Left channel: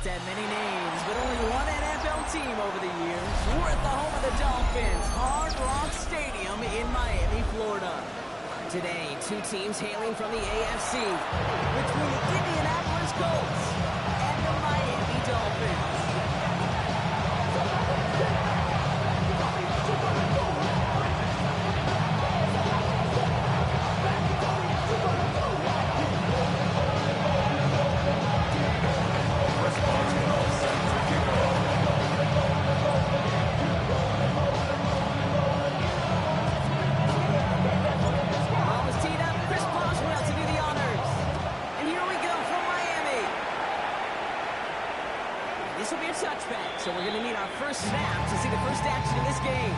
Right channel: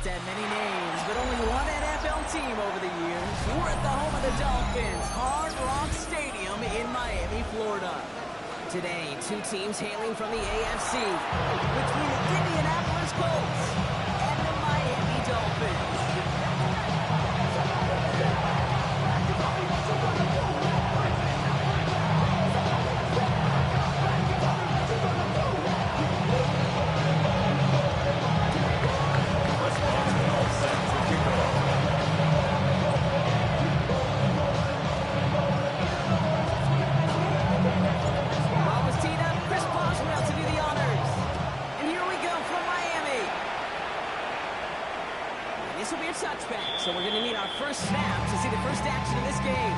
It's had many names, but only one NFL team over the years. We're at the home of the Dolphins, Hard Rock Stadium in Miami, Florida. Today, two teams hailing from the AFC, between the Indianapolis Colts and the Miami Dolphins. This will be a touchback, so we're going to need our first snap to see the first action in this game.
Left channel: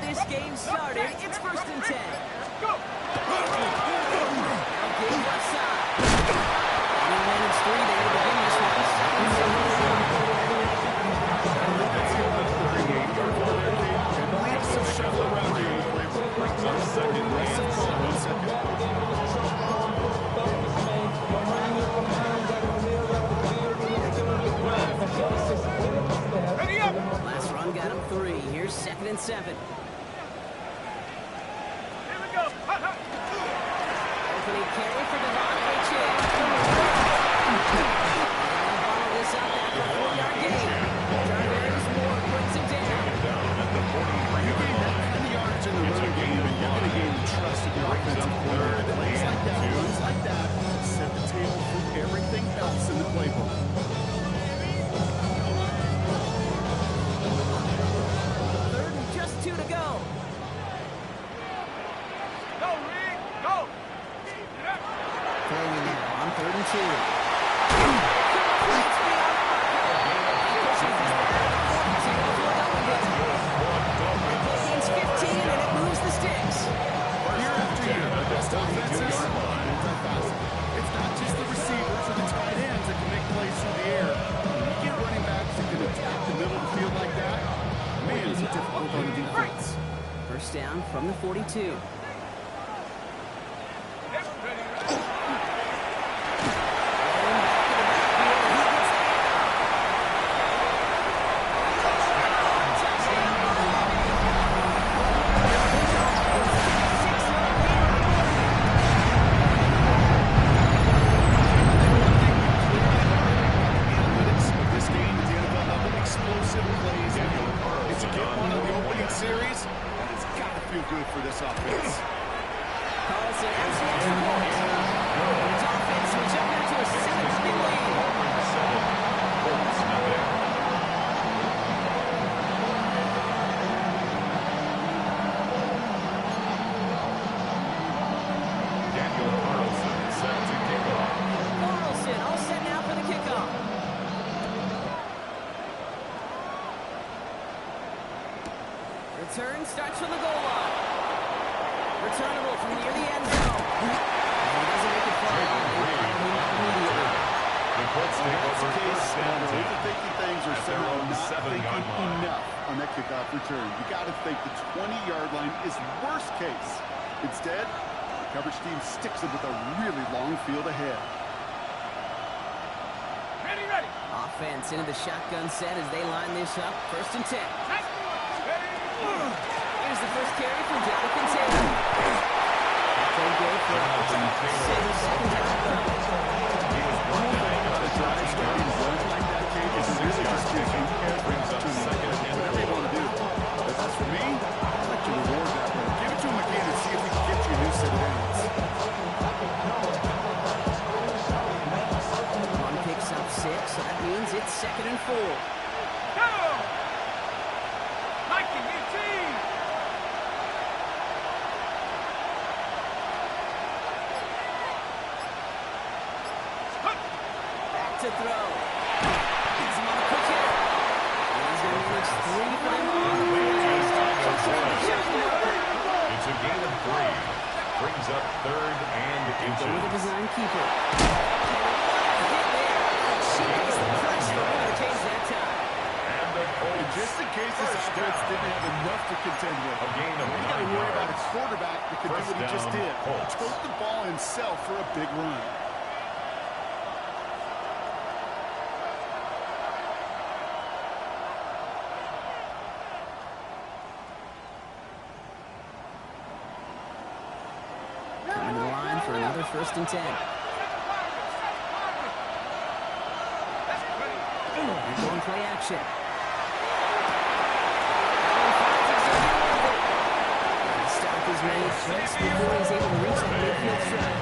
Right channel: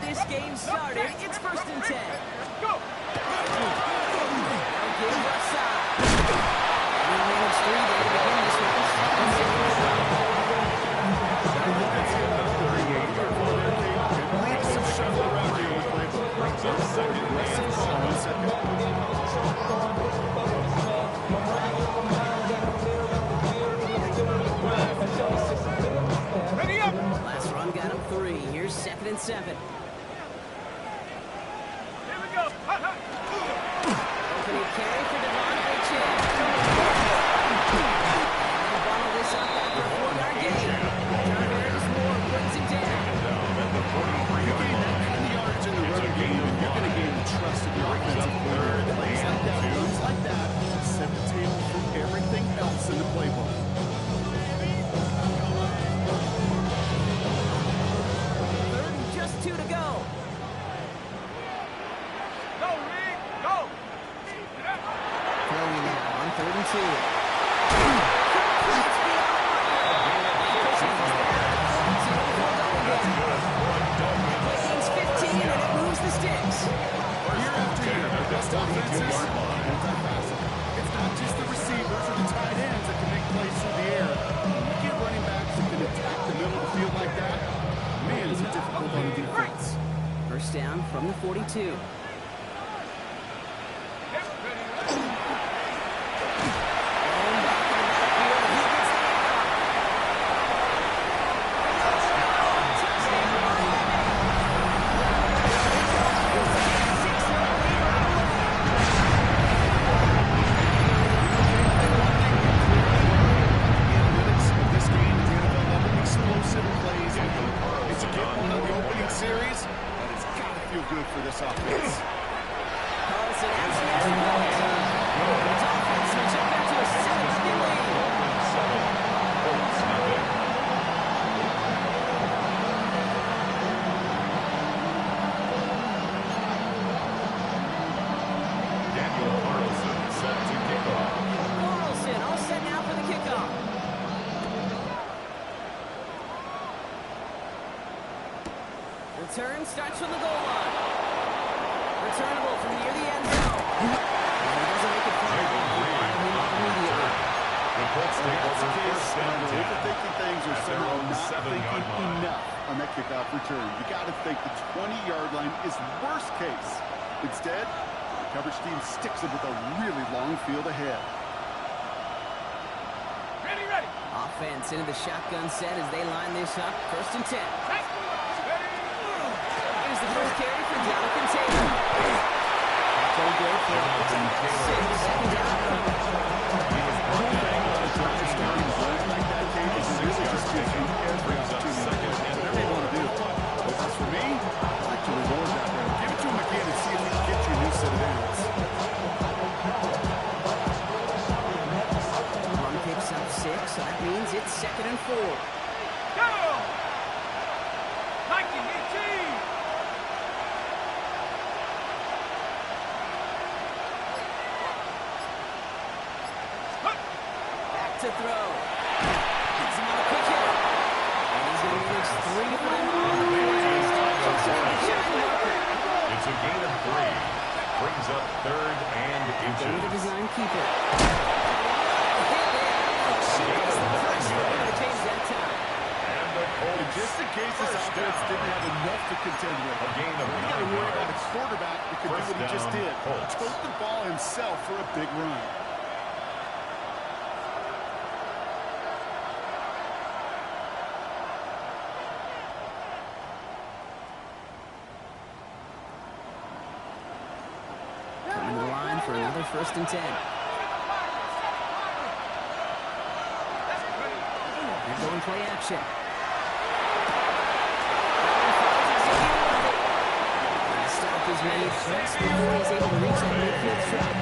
This game started. It's 1st and 10. Go! Now game left side. And he managed 3 there to begin this one. Some shuffle around here in the playbook. Brings up second and 7. Ready up! Last run got him 3. Here's 2nd and 7. Opening carry for Devontae Chan. And they'll bottle this up after a 4-yard gain. Jarvis Moore brings him down. At the 43-yard line. And the yards in the running game, and you're going to gain the trust of your offensive coordinator. Plays like that, runs like that, set the table for everything else in the playbook. 3rd and just 2 to go. Throwing now on 3rd and 2. Completes beyond the marker. Pushes this down to 42 before going down. Play gains 15 and it moves the sticks. Year after year, the best offenses, multifaceted. It's not just the receivers or the tight ends that can make plays through the air. When you get running backs that can attack the middle of the field like that, man, is it difficult on defense. First down from the 42. For this offense. Carlson has the extra point. The Dolphins will jump out to a 7-0 lead. Colts, nothing. Daniel Carlson is set to kick off. Carlson all set now for the kickoff. Return starts from the goal line. Returnable from near the end zone. And he doesn't make it far. Immediately. The Colts take over first down 10. Overthinking things or somehow not thinking enough on that kickoff return. You got to think the 20-yard line is worst case. Instead, the coverage team sticks it with a really long field ahead. Ready. Offense into the shotgun set as they line this up. 1st and 10. Here's the first carry for Jonathan Taylor. They go for a 6nd down coming. He was brought down on a drive starting run like that, Kate, is really just gives you every opportunity. Whatever you want to do. But as for me, I'd like to reward that run. Give it to him again and see if we can get you a new set of downs. Run picks up 6, so that means it's 2nd and 4. Go! Nike, team! to throw. Gets him on a quick hitter. And he's going to manage 3 for them on the play. It's a gain of 3. Brings up 3rd and inches. Go with the design keeper. Hit there. She makes the pressure over the cage that time. And the Colts, just in case this offense didn't have enough to contend with. A gain of you 9 got to worry about a yards. quarterback that could do what he just did. Colts. Took the ball himself for a big run. Coming to the line for another 1st and 10. They're going play action. Stop is made just before he's able to reach that midfield strike.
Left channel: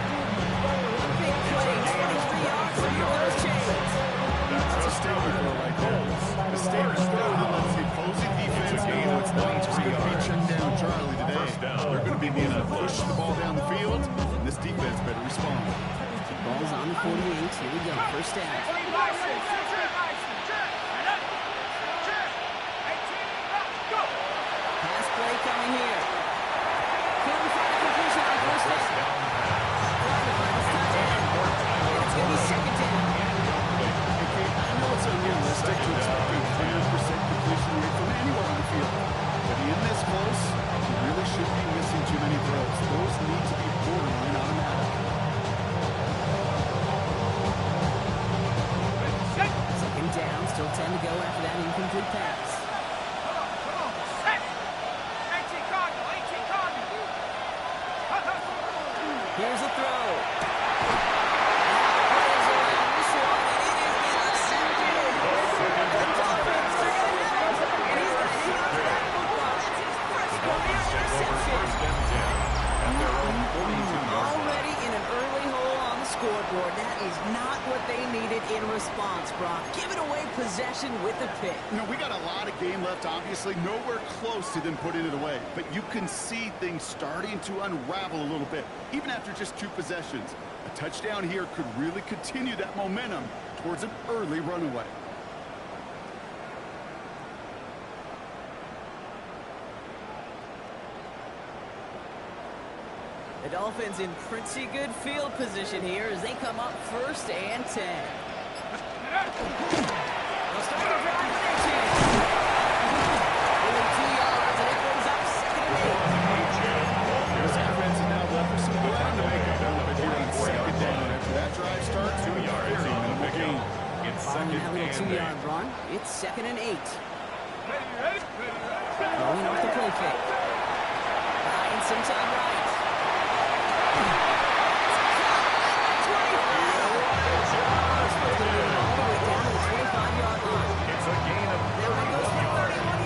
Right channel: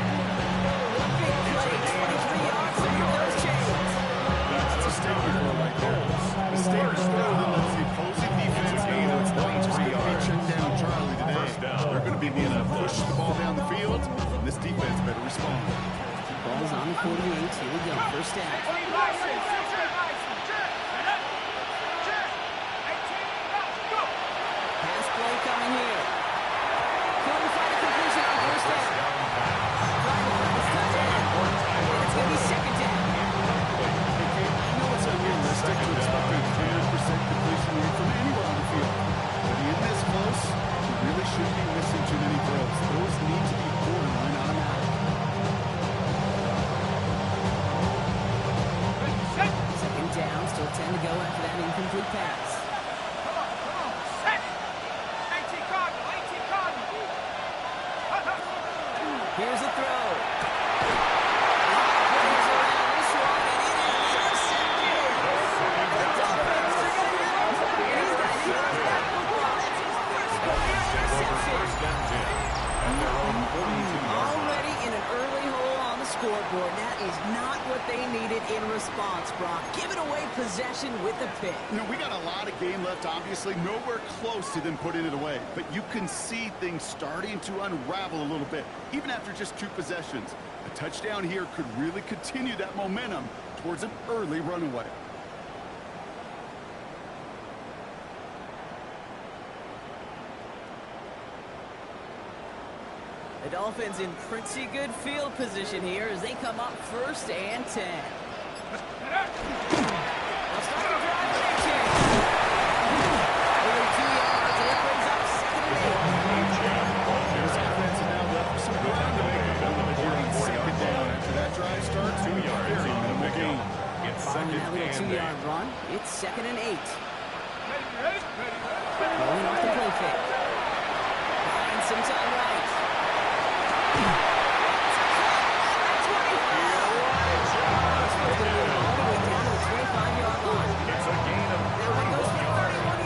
A big play, 23 yards from those chains. That's a statement throw right there. A statement throw that lets the opposing defense know it's not just going to be check down Charlie today. They're going to be needing to push the ball down the field, and this defense better respond. The ball's on the 48. Here we go, 1st down. Pass play coming here. Couldn't find a completion on 1st down. Trying to find his tight end. And it's going to be 2nd down. I know it's unrealistic to expect a 100% completion rate from anywhere on the field, but in this close, you really shouldn't be missing too many throws. Those need to be borderline automatic. 2nd down, still 10 to go after that incomplete pass. Here's a throw. Players around this one, and it is intercepted. The Dolphins are going to have it, and he's going to hang on to that football. That's his first career interception. 1st and 10 at their own 42-yard line. Already in an early hole on the scoreboard. That is not what they needed in response, Brock. Giving away possession with a pick. You know, we got a lot of game left, obviously. Nowhere close to them putting it away. But you can see things starting to unravel a little bit, even after just 2 possessions. A touchdown here could really continue that momentum towards an early runaway. The Dolphins in pretty good field position here as they come up 1st and 10. They'll start the drive with a chance. Only 2 yards, and it brings up 2nd and 8. This offense is now left with some ground to make up a little bit here on 2nd down. After that drive starts, 2 yards very on the minimal gain. It's Following 2nd that little and 2-yard 8. run, it's 2nd and 8. Rolling off the play fake. Buying some time right. It's a gain of 31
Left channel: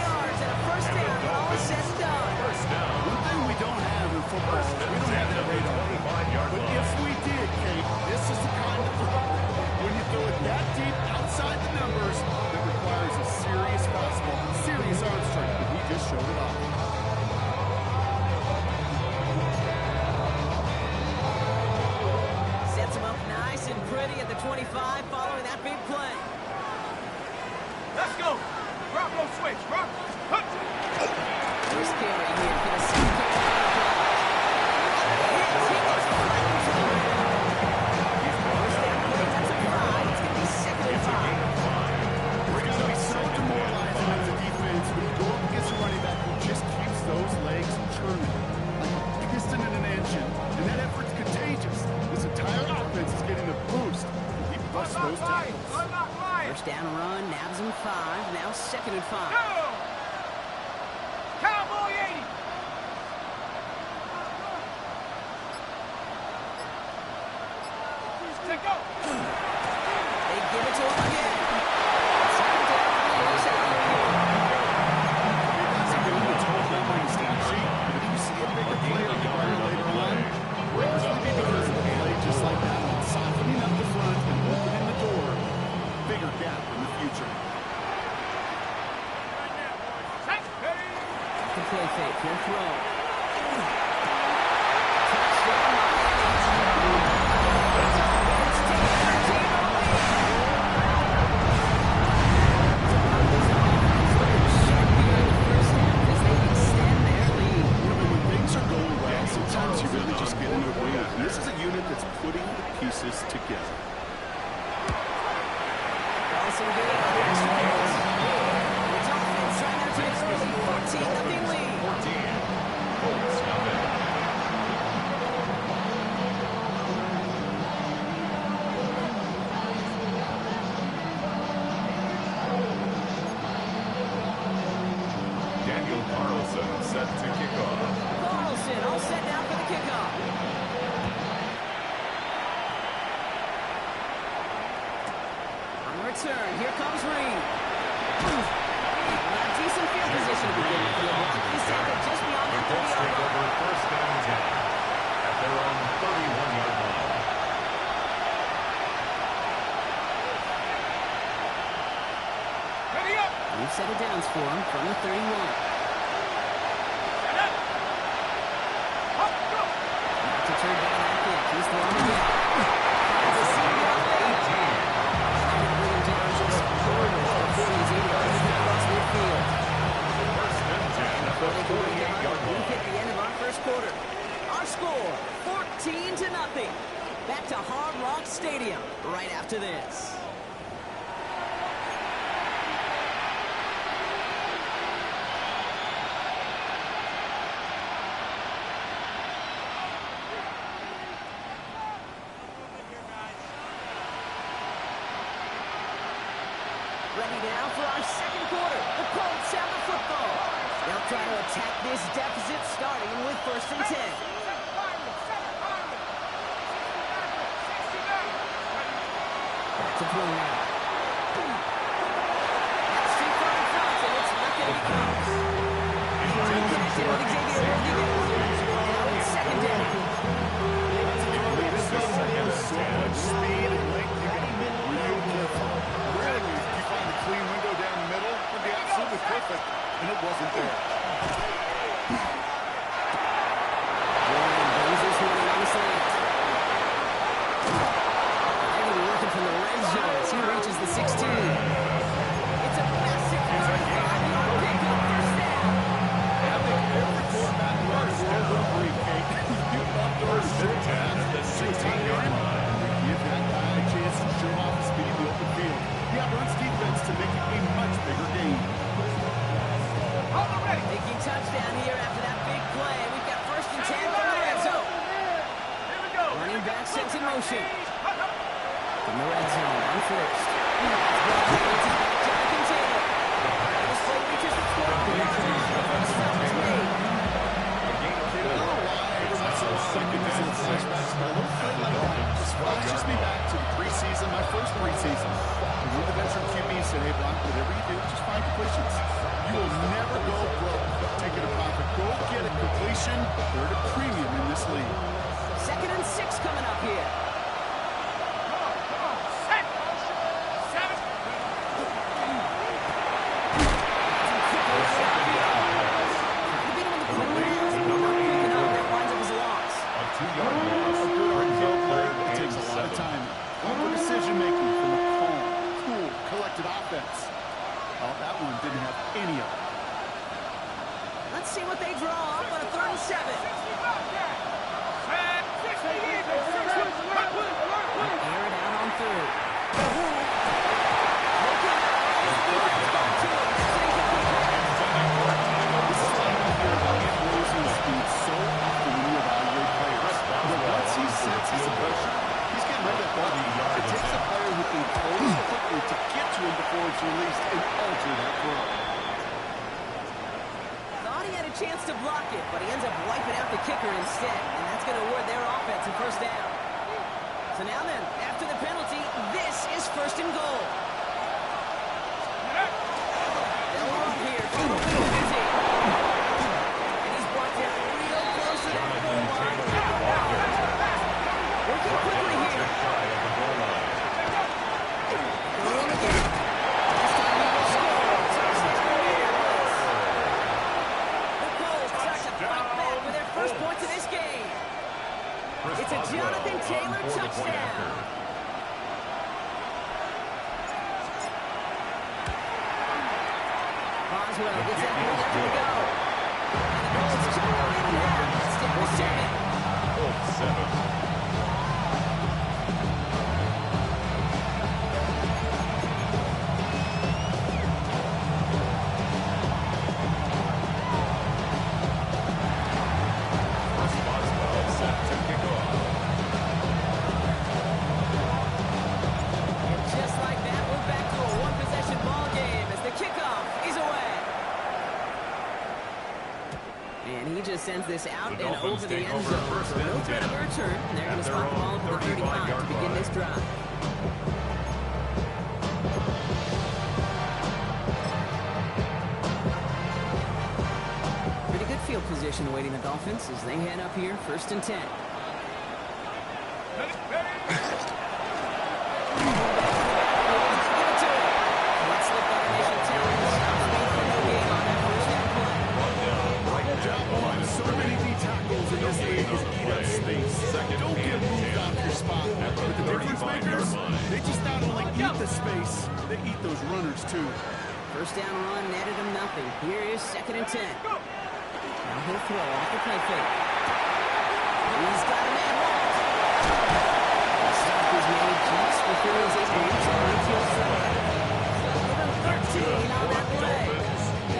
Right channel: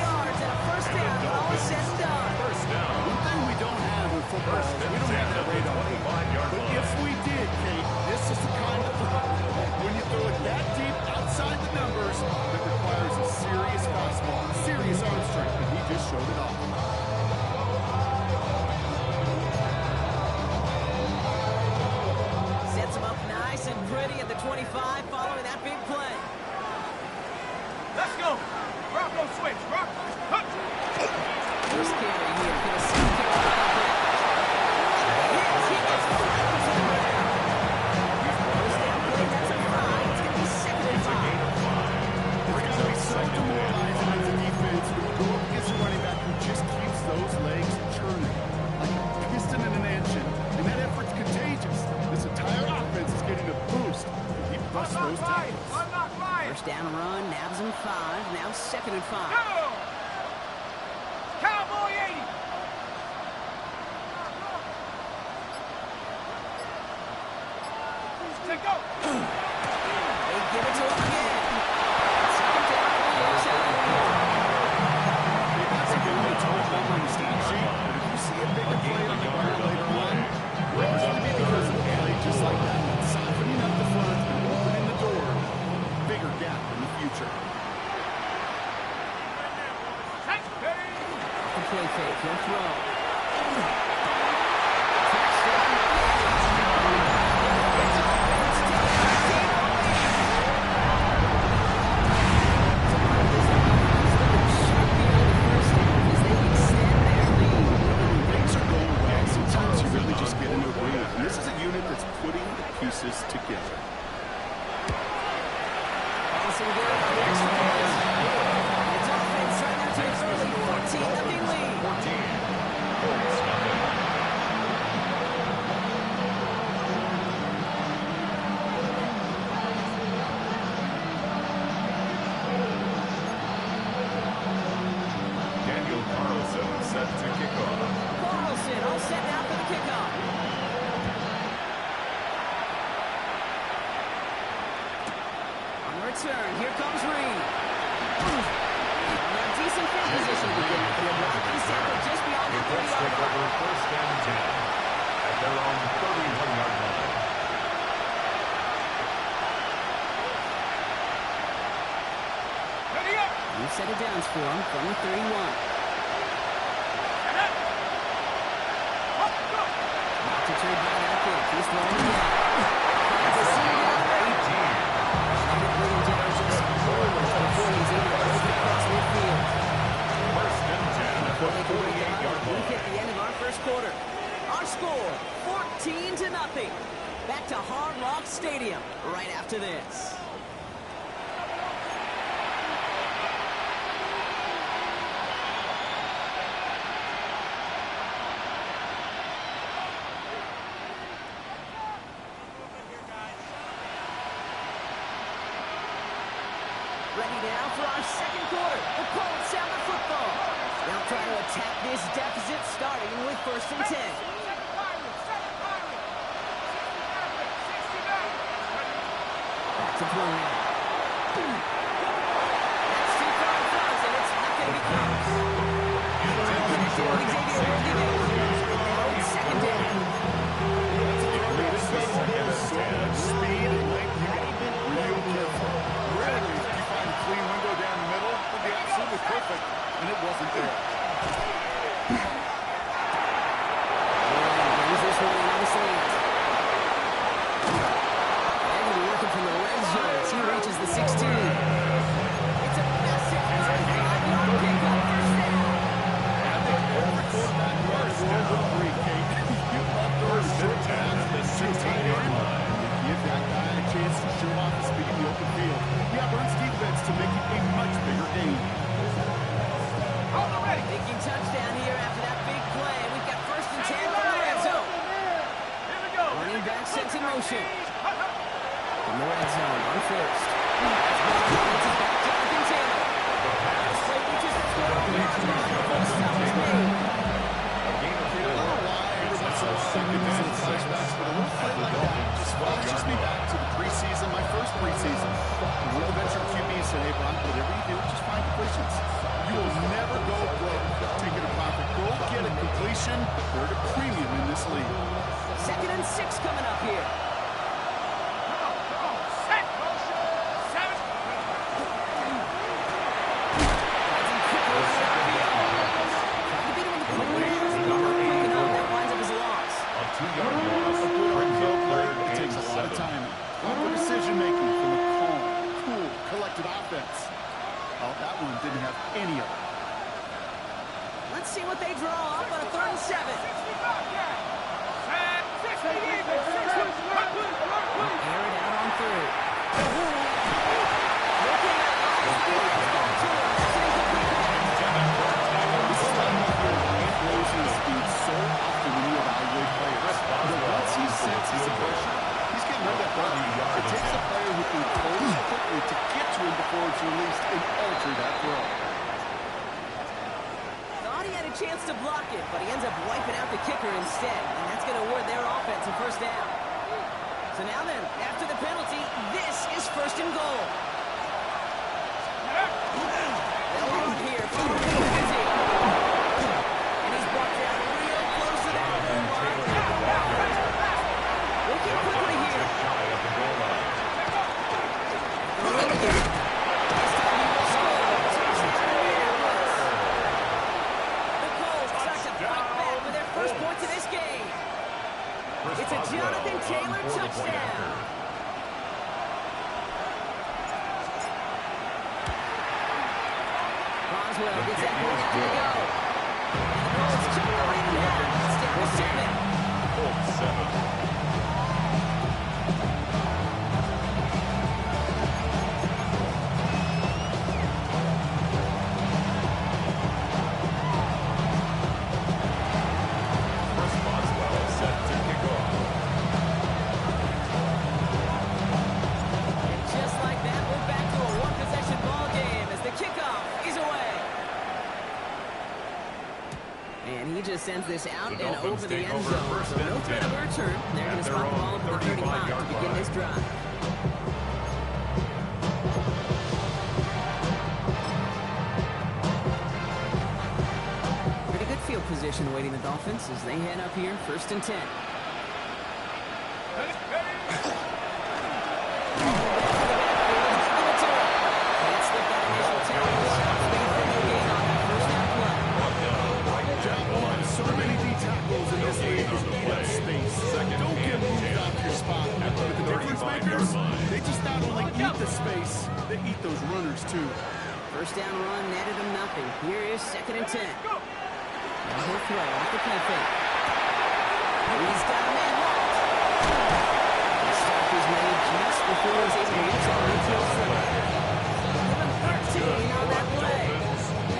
yards and a 1st down. All is said and done. 1st down. One thing we don't have in football is we don't have that radar. 25-yard But line. if we did, Kate, this is the kind of throw, when you throw it that deep outside the numbers, that requires a serious fastball, serious arm strength, and he just showed it off. Sets him up nice and pretty at the 25 following that big play. Let's go. Bronco switch. First carry here. Gonna see Carolina play. He gets flattened to the ground. He's brought First down down at play, the that's a 20-yard 5. line. It's going to be 2nd and It's a 5. gain of 5. It's Brings got to up be so 2nd and demoralizing 5. as a defense when you go up against a running back who just keeps those legs churning like a piston in an engine. And that effort's contagious. This entire offense is getting a boost. He busts those tackles. Unlock line. First down run, nabs him 5. Now 2nd and 5. Go. Cowboy 80. Take go. They give it to him again. 2nd down, works out for you. Okay, that's a good one to total up on the stat sheet. But if you see a bigger play like the Barner later on, it's going to be because of a play just like that one. Softening up the front and opening the door. Bigger gap in the future. Off the play fake, he'll throw. Touchdown, Miami. The Dolphins take a 13-0 lead. pieces together. Also good on the extra point. And the Dolphins trying to take an early 14-0 lead. 14. Colts nothing. Daniel Carlson set to kick off. Carlson all set now for the kickoff. On the return, here comes Reed. Decent field position to begin with. The block is sampled just beyond that 30-yard take line. over first and 10 at their own 31-yard line. Ready up. We've set it downs for him from the 31. Set up. Up, go. Not deterred by that kick. He's throwing again. Finds a seam down there. Trying to bring him down just moments before he's able to break across midfield. First and 10 at the 48-yard We've line. hit the end of our first quarter. Our score, 14-0. Back to Hard Rock Stadium right after this. Ready now for our second quarter. The Colts have the football. They'll try to attack this deficit starting with first and 10. Back to throw now. That's too far in front, and it's not going to be close. Connected with Xavier Worthy there. And now it's second down. So much speed and length, you got to be real careful. Rarely do you find a clean window down the middle. It would be absolutely perfect, and it wasn't there. Jordan brings this one in on the slant. They're going to be working from the red zone as he reaches the 16. It's a massive 35-yard pickup, first down. I think every quarterback in the world would agree, Kate. You love those short At the 16-yard line. Give that guy a chance to show off his speed in the open field. He outruns defense to make it a much bigger game. On the ready. Thinking touchdown here after that big play. We've got first and 10 from the red zone. Here we go. Running back sent in motion. From the red zone on first. That's ball. It's his back, Jonathan Taylor. This play reaches the 12-yard line. First stop is made. A gain of 4. I don't know why every once in a while I get these little flashbacks, but a little play like that just flashes me back to the preseason, my first preseason. When the veteran QB said, hey, Brock, whatever you do, just find completions. You will never go broke taking a profit. Go get a completion. They're at a premium in this league. Second and 6 coming up here. Come on. Set. Motion. 7. Trying to beat him on the quick pass, but not quick enough. That winds up as a loss. A 2-yard loss. A good Brings RPO up play, third it and takes a lot of 7. time. Proper decision-making from a calm, cool, collected offense. Oh, that one didn't have any of it. Let's see what they draw up on a third and 7. Set. 60 even. 60. Air it out on third. Looking at it, the defense got to him. That's an incomplete pass. This is why we hear about Ant Rosen's speed so often when you evaluate players. But once he senses the pressure, he's getting rid of that ball. It takes a player who can close quickly to get to him before it's released and alter that throw. Thought he had a chance to block it, but he ends up wiping out the kicker instead, and that's going to award their offense a first down. So now then, after the penalty, this is first and goal. They'll run here from the 50. And he's brought down real close to that goal line. Working quickly here. Just shy of the goal line. Going again. This time he will score. Touchdown, Indianapolis. The Colts start to fight back with their first points of this game. It's a Jonathan Taylor touchdown. Boswell gets that point after the go. And the Colts chip the lead in half. It's down to 7. Colts 7. he just sends this out The and Dolphins over the take end over zone. first So and no threat of 10. a return. They're going to At their spot the ball own at the 35 to 35-yard begin line. this drive. Pretty good field position awaiting the Dolphins as they head up here, 1st and 10. Ready? Ready? Can't slip that initial tackle. Stops speed for no gain on that first down play. Brought down right Job at the line one. of So scrimmage. many D tackles in No this gain league on is the eat play. up space. Second Don't get and moved 10. off your spot. At the But the difference 35-yard makers, line. they just not only eat the space, they eat those runners too. First down run netted him nothing. Here is 2nd and 10. Now he'll throw off the play fake. He's got a man walled. The stop was made just before he was able to reach that midfield strike. Give him 13 on that play.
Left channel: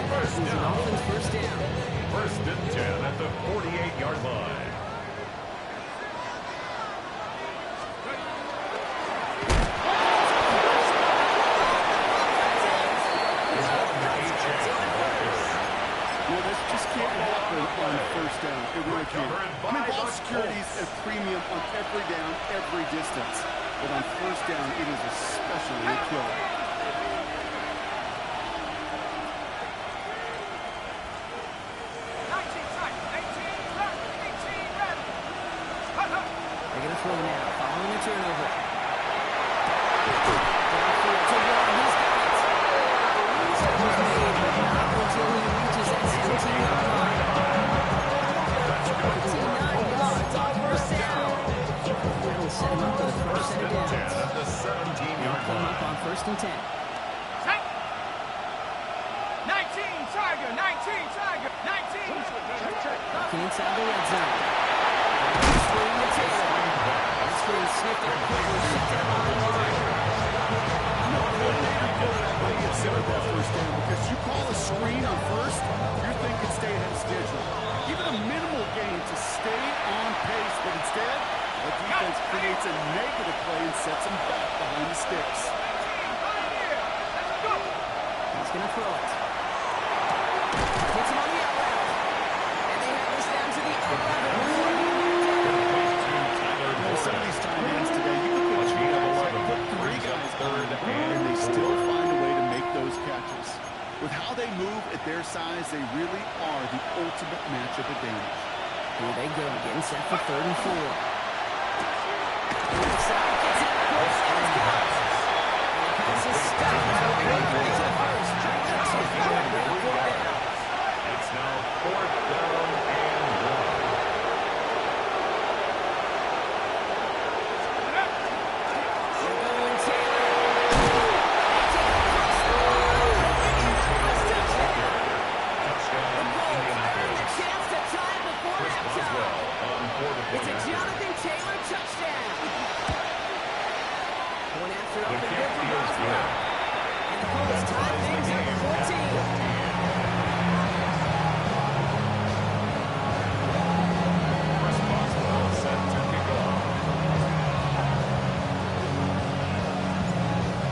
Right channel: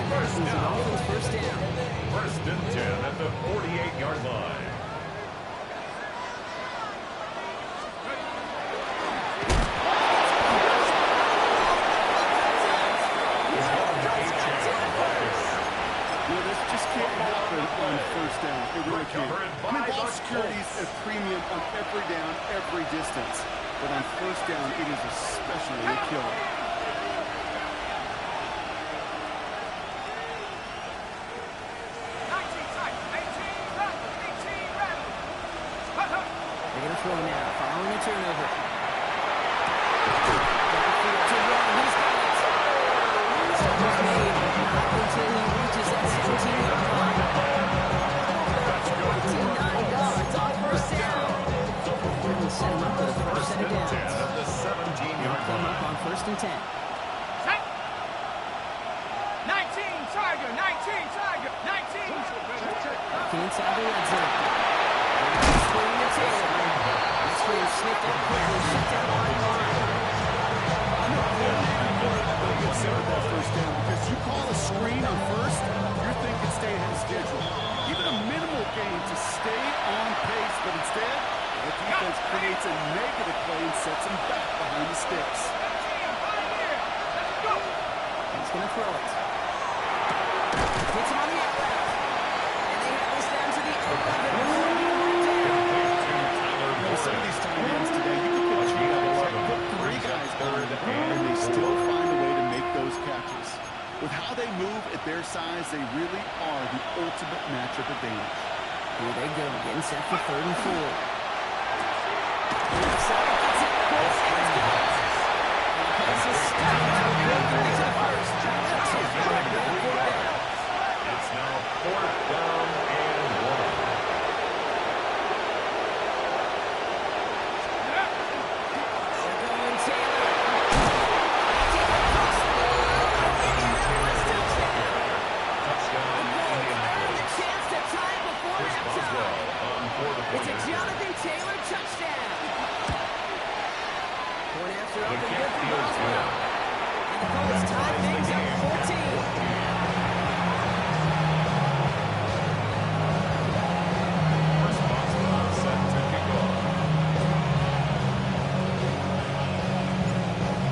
First This is the down. Dolphins' first down. 1st and 10 at the 48-yard line. You know, this just can't happen on first down. It really can't. I mean, ball security is a premium on every down, every distance. But on first down, it is especially a killer. They're going to throw now, following the turnover. Downfield to Warren, he's got it. The stop was made, but not until he reaches that 17-yard line. 49 yards on first down. We'll set him up for the first set of downs. At the 17-yard Come up line. on 1st and 10. Set. 19, Tiger. 19, Tiger. 19. Looking inside the red zone. Screen to Taylor. The screen snipped out quickly, shut down on the line. I know coordinator quarterback will get set with that first down because you call a screen on first, you're thinking stay ahead of schedule. Even a minimal gain to stay on pace, but instead, the defense creates a negative play and sets him back behind the sticks. He's going to throw it. Hits him on the out route. And they have this down to the 11 before he went down. You know, some of these tight ends today, you can put two guys, I can put three guys on, and they still find a way to make those catches. With how they move at their size, they really are the ultimate matchup advantage. Here they go, getting set for 3rd and 4. Inside, gets it quick, and it's got it. And the pass is stopped. Breaking into the first. It's now 4th down and 1. They're going Taylor. They take it across the line. Indianapolis touchdown. Touchdown, The Colts earn the Indianapolis. chance to tie before Chris halftime. Boswell on for the It's a point. Jonathan Taylor touchdown. Point after up The and kick good for feels Boswell. good. And the Colts That tie ties the things up game at at 14. 14. Chris Boswell set to kick off.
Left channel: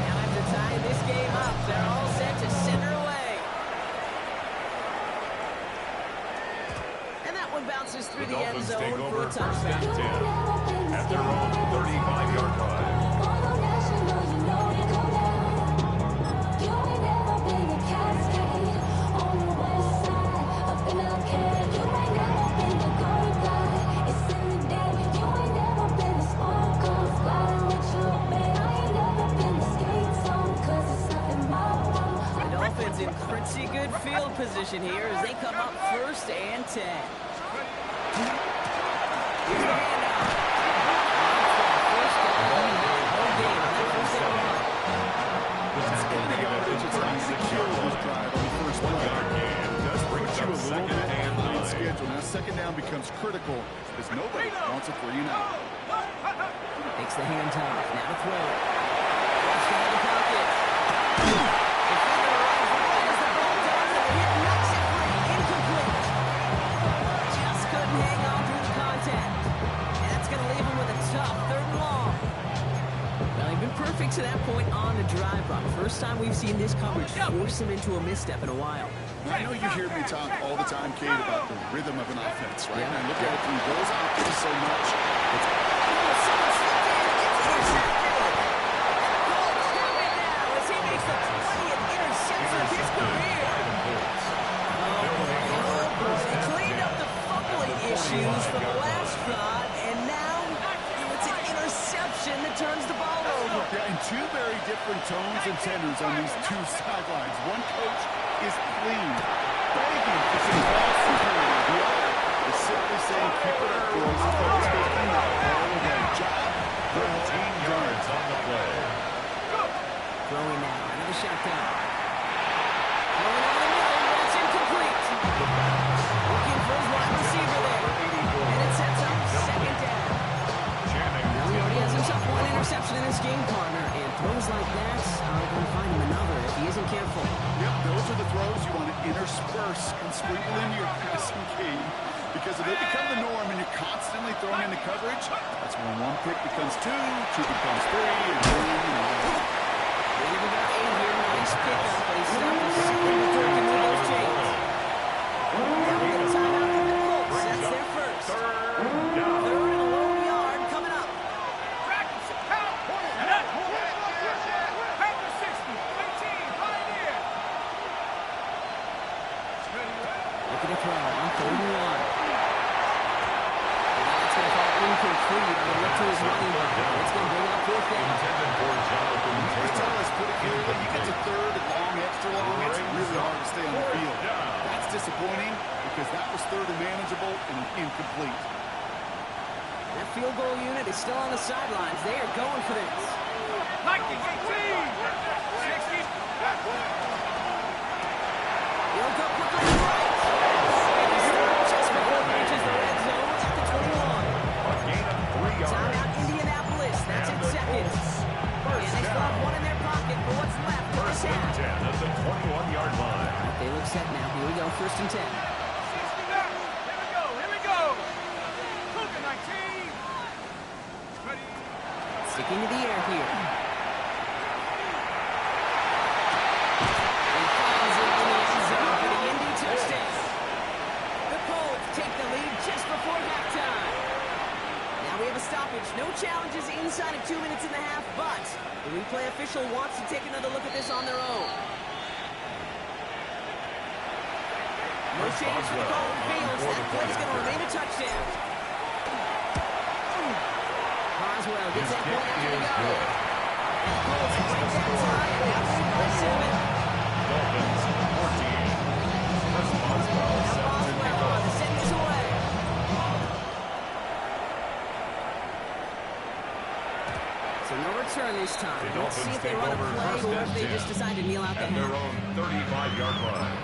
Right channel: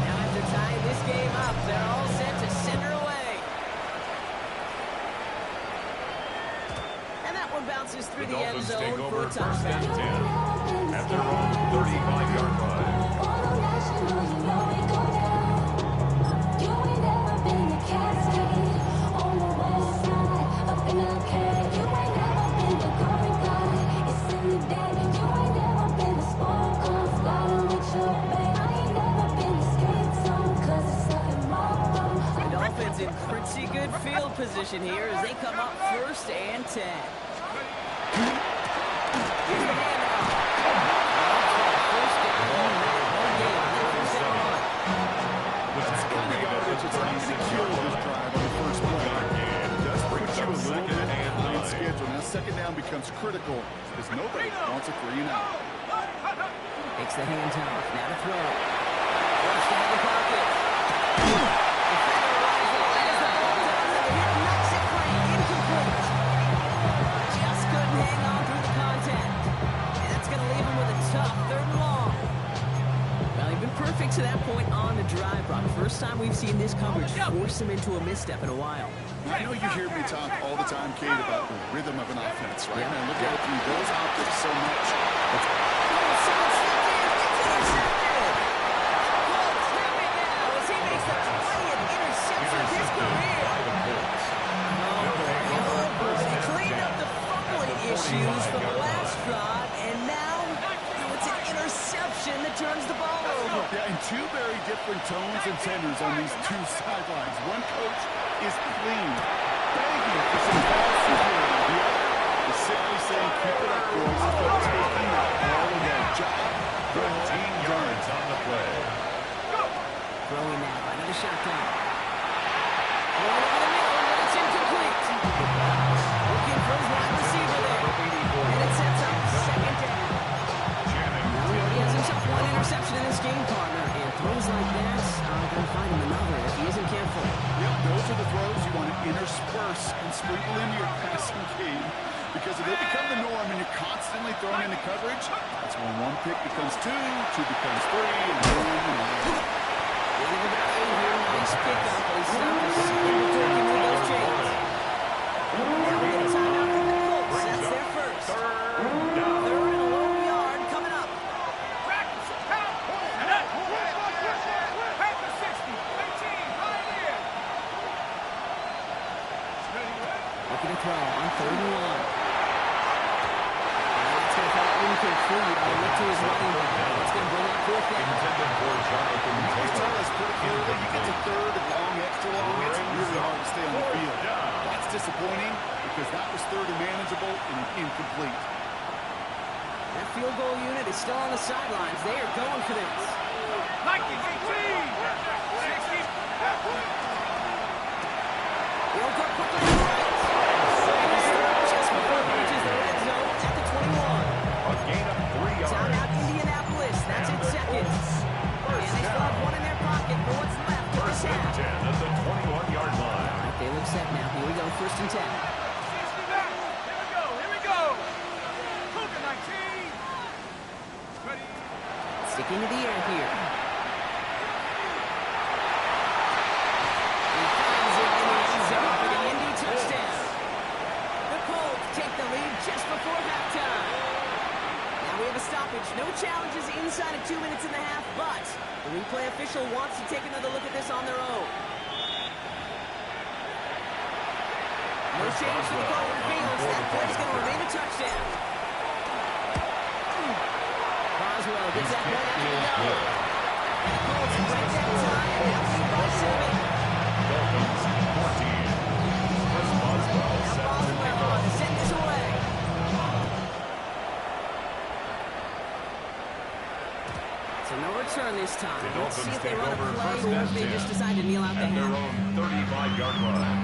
Now after tying this game up, they're all set to send her away. And that one bounces through The the end Dolphins take zone for over a 1st touchdown. and 10 at their own 35-yard line. The Dolphins in pretty good field position here as they come up 1st and 10. Here's the handoff. First down, no gain on that first down run. The tackle made at the It's not going to kill 36-yard this line. drive on the first play. It does put Brings you up a little 2nd bit and behind 9. schedule. Now, 2nd down becomes critical as nobody wants a 3 and out. Takes the handoff. Now to throw. Flushed out of the pocket. Defender arrives right as the ball does, and the hit knocks it free. Incomplete. Just couldn't hang on through the contact. And that's going to leave him with a tough 3rd and long. Well, he They've been perfect to that point on the drive, Brock. First time we've seen this coverage force him into a misstep in a while. I know you hear me talk all the time, Kate, about the rhythm of an offense, right? And I look at it through those optics so much. Someone slipped in. It's intercepted. And the Colts have it now as he makes the 20th interception of his career. Oh, boy. They cleaned up the fumbling issues from the last drive, and now it's an interception that turns the ball over. Yeah, and two very different tones and tenors on these two sidelines. One coach is pleading, begging for some ball security. The other is simply saying, keep it up, boys. Coach taking that ball away. Job 13 yards on the play. Throwing now, another shotgun. Throwing over the middle, but it's incomplete. Looking for his wide receiver there. And it sets up second down. Now he already has himself one interception in this game, partner. And throws like that are going to find him another if he isn't careful. Yep, those are the throws you want to intersperse and sprinkle into your passing game. Because if they become the norm and you're constantly throwing into coverage, that's when one pick becomes two becomes three, and boom. Gain of about 8 here. Nice pickup, but he stopped the second before he can move those chains. Now we get a timeout from the Colts. That's their first. Third and a long yard coming up. Panther 60, 18, right here. Looking to throw on 3rd and 1. And that's going to fall incomplete on a look to his running back. It's going to bring up 4th down. Intended for Jonathan You Taylor. tell us pretty clearly, you get to third and long, extra long, it's really hard to stay on the field. That's disappointing because that was third and manageable and incomplete. That field goal unit is still on the sidelines. They are going for this. Lightning 18, 60. He'll go quickly to the right. And he stopped just before he reaches the red zone at the 21. A gain of 3 yards. Timeout Indianapolis. That's in seconds. And they still have one in their pocket for what's left of this First and half. 10 at the 21-yard line. All right, they look set now. Here we go. 1st and 10. 60 back. Here we go. Cougar 19. Ready. Sticking to the air here. He finds it in the end zone for the Indy touchdown. The Colts take the lead just before halftime. Now we have a stoppage. No challenges inside of 2 minutes and a half, but the replay official wants to take another look at this on their own. No change to the call of the field. That play's going to remain a touchdown. Boswell gets that point after the go. And the Colts break that tie and now lead by 7. Dolphins 14. Chris Boswell Now set to Boswell kick on off. to send this away. So no return this time. The Let's see Dolphins if they take run a over play 1st or if and they 10. just decide to kneel out the At their half. own 35-yard line.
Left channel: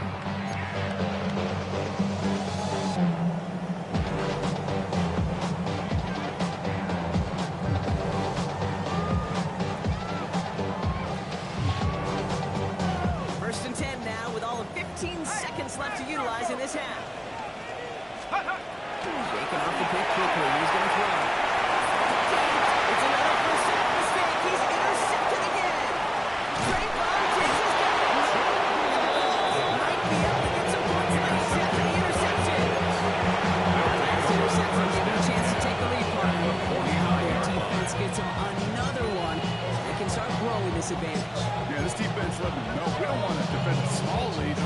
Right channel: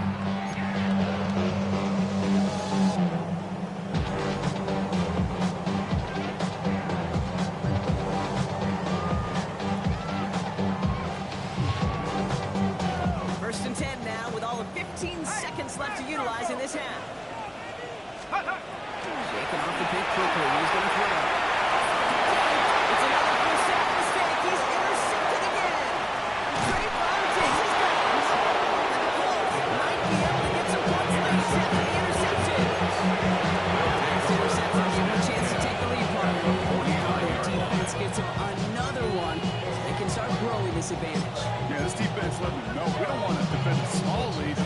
First and 10 now with all of 15 seconds left to utilize in this half. Shaking off the pick quickly. He's going to throw. It's another first down mistake. He's intercepted again. Trayvon takes his guns. And the Colts might be able to get some points late after the interception. Last interception gave him a chance to take the lead, partner. Now their defense gets him another one. They can start growing this advantage. Yeah, this defense let me know. We don't want to defend a small lead.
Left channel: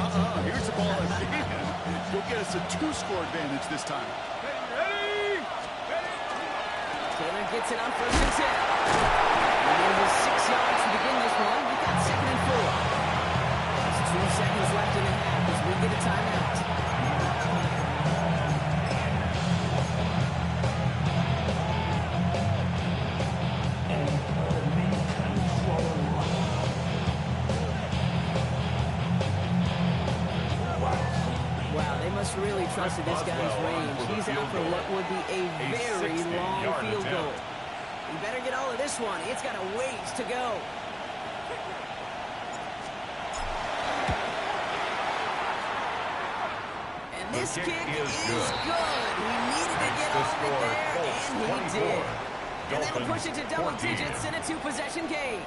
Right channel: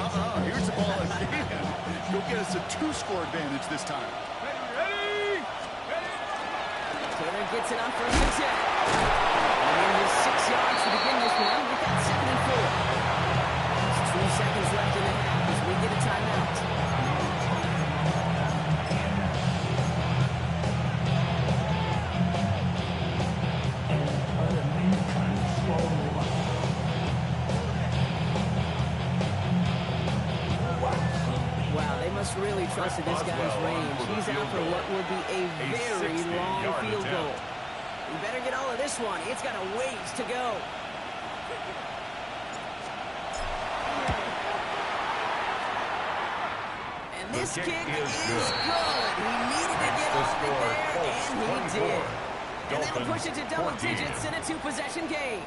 Here's the ball again. Go get us a 2-score advantage this time. Ready. Taylor gets it on 1st and 10. And in his 6 yards to begin this one, we got 2nd and 4. There's 2 seconds left in the half as we get a timeout. Wow, they must really trusted this guy's range. He's out for what would be a very long field goal. You better get all of this one. It's got a ways to go. And this kick is good. He needed to get off it there, and he did. And that'll Dolphins push it to double 14. digits in a two-possession game.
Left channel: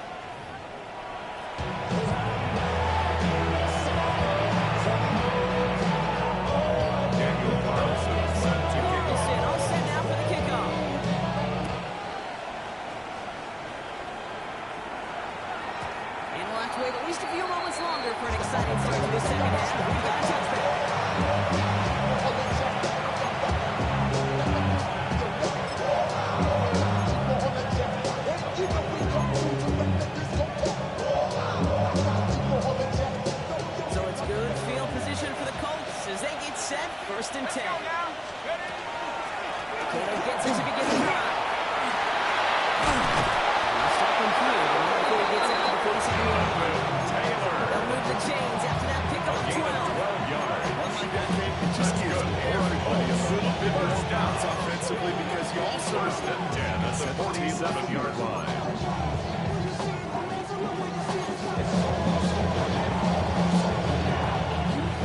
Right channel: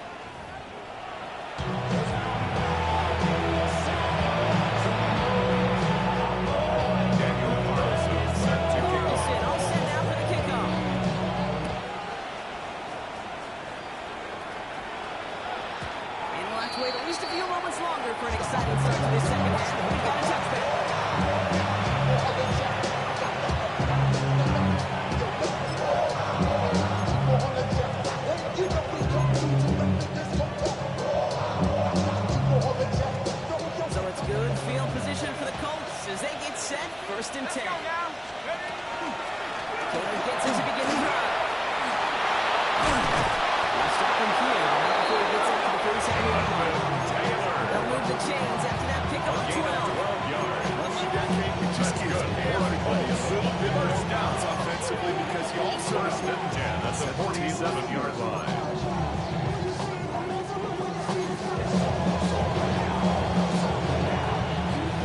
Daniel Carlson set to kick off. Carlson all set now for the kickoff. And we'll have to wait at least a few moments longer for an exciting start to this second half. We've got a touchback. So it's good field position for the Colts as they get set, 1st and 10. Taylor gets it to begin the drive. He'll stop him here, but not before he gets out to the 47-yard line. Taylor. They'll move the chains after that pickup of Gain 12. of 12 yards. Run like that, Kate, it just gives everybody a little bit more doubts offensively because you also First and 10 at the 47-yard line.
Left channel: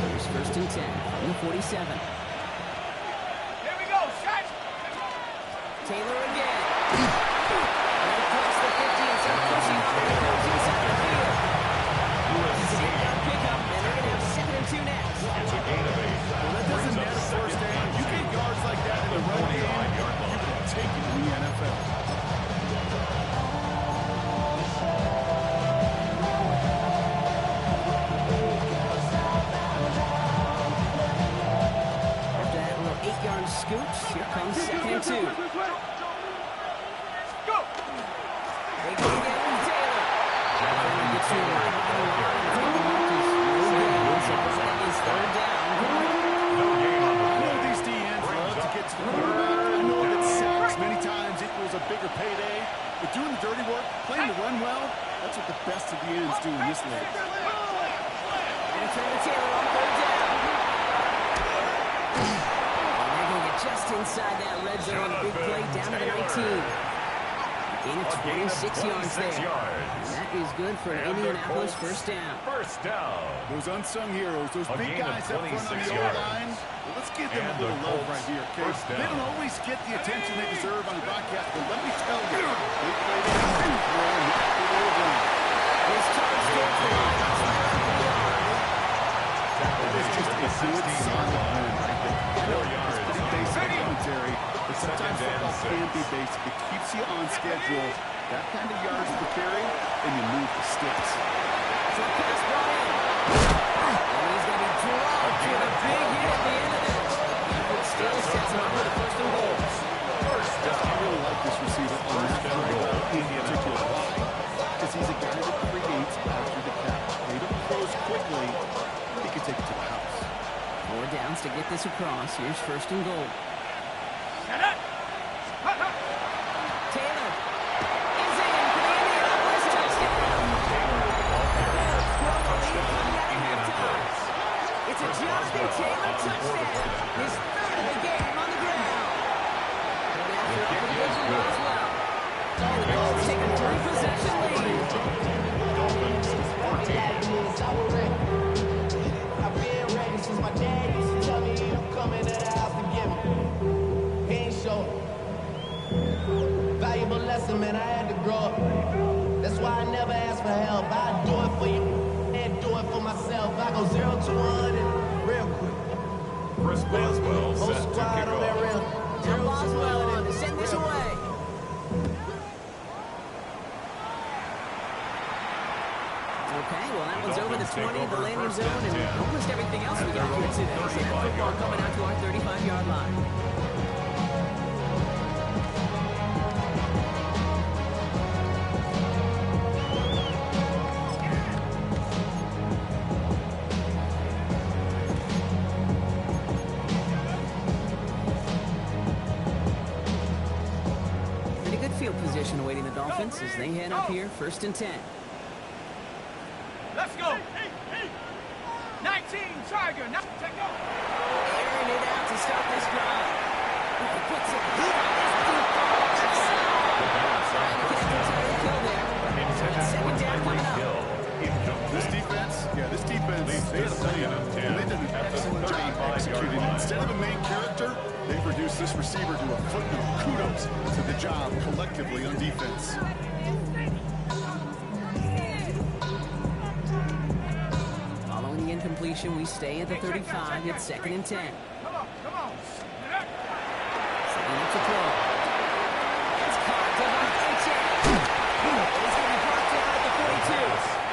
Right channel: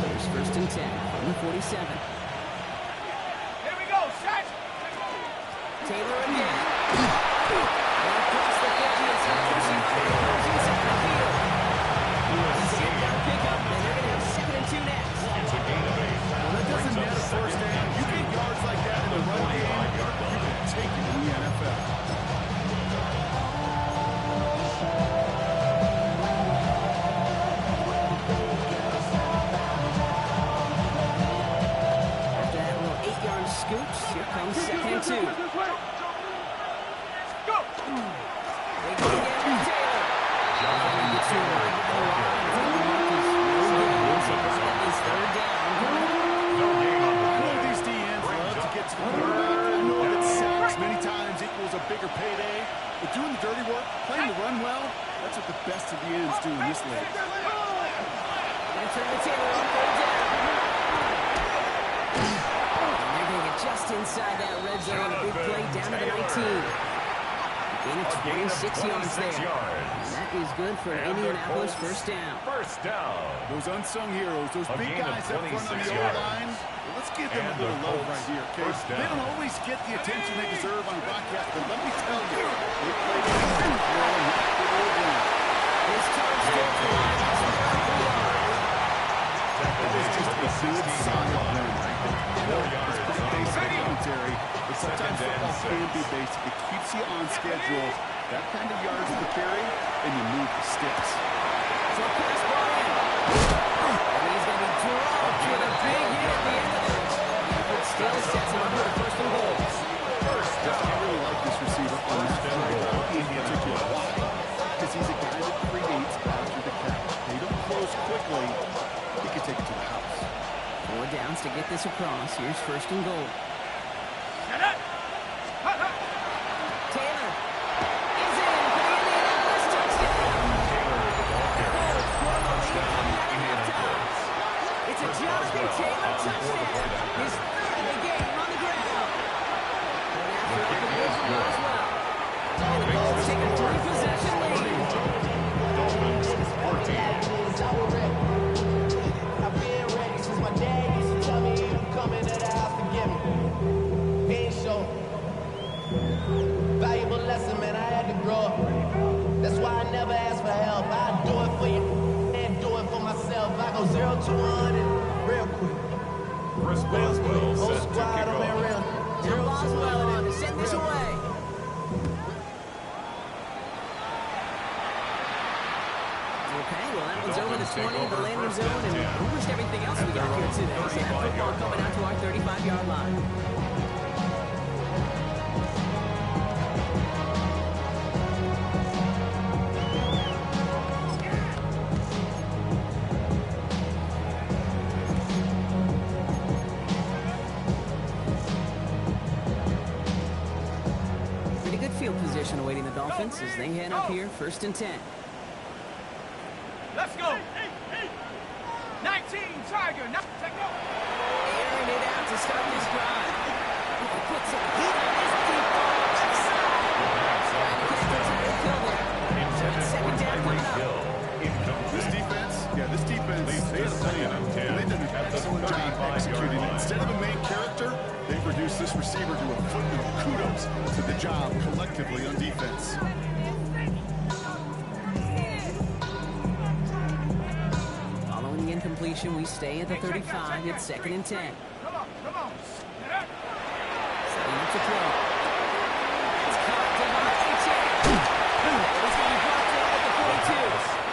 Here's 1st and 10 from the 47. Here we go, shot. Taylor again. And across the 50 and some pushing on the comes inside the field. It's a good pickup, and they're going to have 2nd and 2 next. It's a gain of 8. Well, that doesn't net a first down. You get yards like that in the run game, you can take it in the NFL. After that little 8-yard scooch, here comes 2nd and 2. Go. They go again with Taylor. Jonathan Gets to the Taylor. line. It's going to be marked as no gain. That is 3rd down. No gain on the I know play. these DNs love to get to the quarterback. I know that sacks many times equals a bigger payday, but doing the dirty work, playing the run well, that's what the best of the ends do in this league. Going to turn to Taylor on 3rd down. And they're going to get just inside that red zone. A big play down to the 19. Gain of 26 yards there. And that is good for an Indianapolis first down. First down. Those unsung heroes, those A big gain of guys up front on 26 the yards. O-line, well, let's give them And a little the love Colts right here, okay? first down. They don't always get the attention they deserve on broadcast, but let me tell you, they played a good throw and knocked it over. His charge towards the line. It's right around the yard. That is just a good, solid win right there. I know 4 yards. it's pretty basic commentary, but sometimes Second and football can 6. be basic. It keeps you on schedule. That kind of yards per carry, and you move the sticks. Short pass brought in. And he's going to be dropped with a big hit at the end of this. The effort still sets him up for the 1st and goal. First I down. really like this receiver on that First and drive goal. in particular. Why? Because he's a guy that creates after the catch. They don't close quickly. He can take it to the house. 4 downs to get this across. Here's 1st and goal. Shut up. Hut, hut. Taylor is in for the Indianapolis touchdown. Taylor, the ball carrier. Colts grow the lead Touchdown, coming out of halftime. Indianapolis. It's a Chris Jonathan Boswell Taylor on board touchdown. for that. His 3rd of the game on the ground. Going after The up kick the is from good. Boswell. So the Makes Colts the take a score 3-possession lead. 31. Dolphins 14. I've been ready since my dad used to tell me he was coming to the house to get me. He ain't show. Valuable lesson, man, I had to grow up. That's why I never ask for help. I do it for you and do it for myself. I go 0 to 100 real quick. Chris Boswell Whole set to squad kick on that off. rim. Now 0 to Boswell 100 on to send this real quick. away. Okay, well that one's over the 20, the landing zone, and almost everything else we got here today. So that football coming out to our 35-yard line. Pretty good field position awaiting the Dolphins as they head up here, 1st and 10. Let's go. 19, Tiger. Now, take go. Airing it out to start this drive. He can put some heat on this deep ball left side. The pass on Trying to first connect to down. Tyreek Hill there. Intended for Second down coming Tyreek up. Hill. This defense, they had a plan, and they did an excellent job executing it. Instead of a main character, they've reduced this receiver to a footnote. Kudos to the job collectively on defense. Following the incompletion, we stay at the 35. It's 2nd and 10. Come on. Setting up to throw. It's caught. Devon Achane. He's going to be brought down at the 42.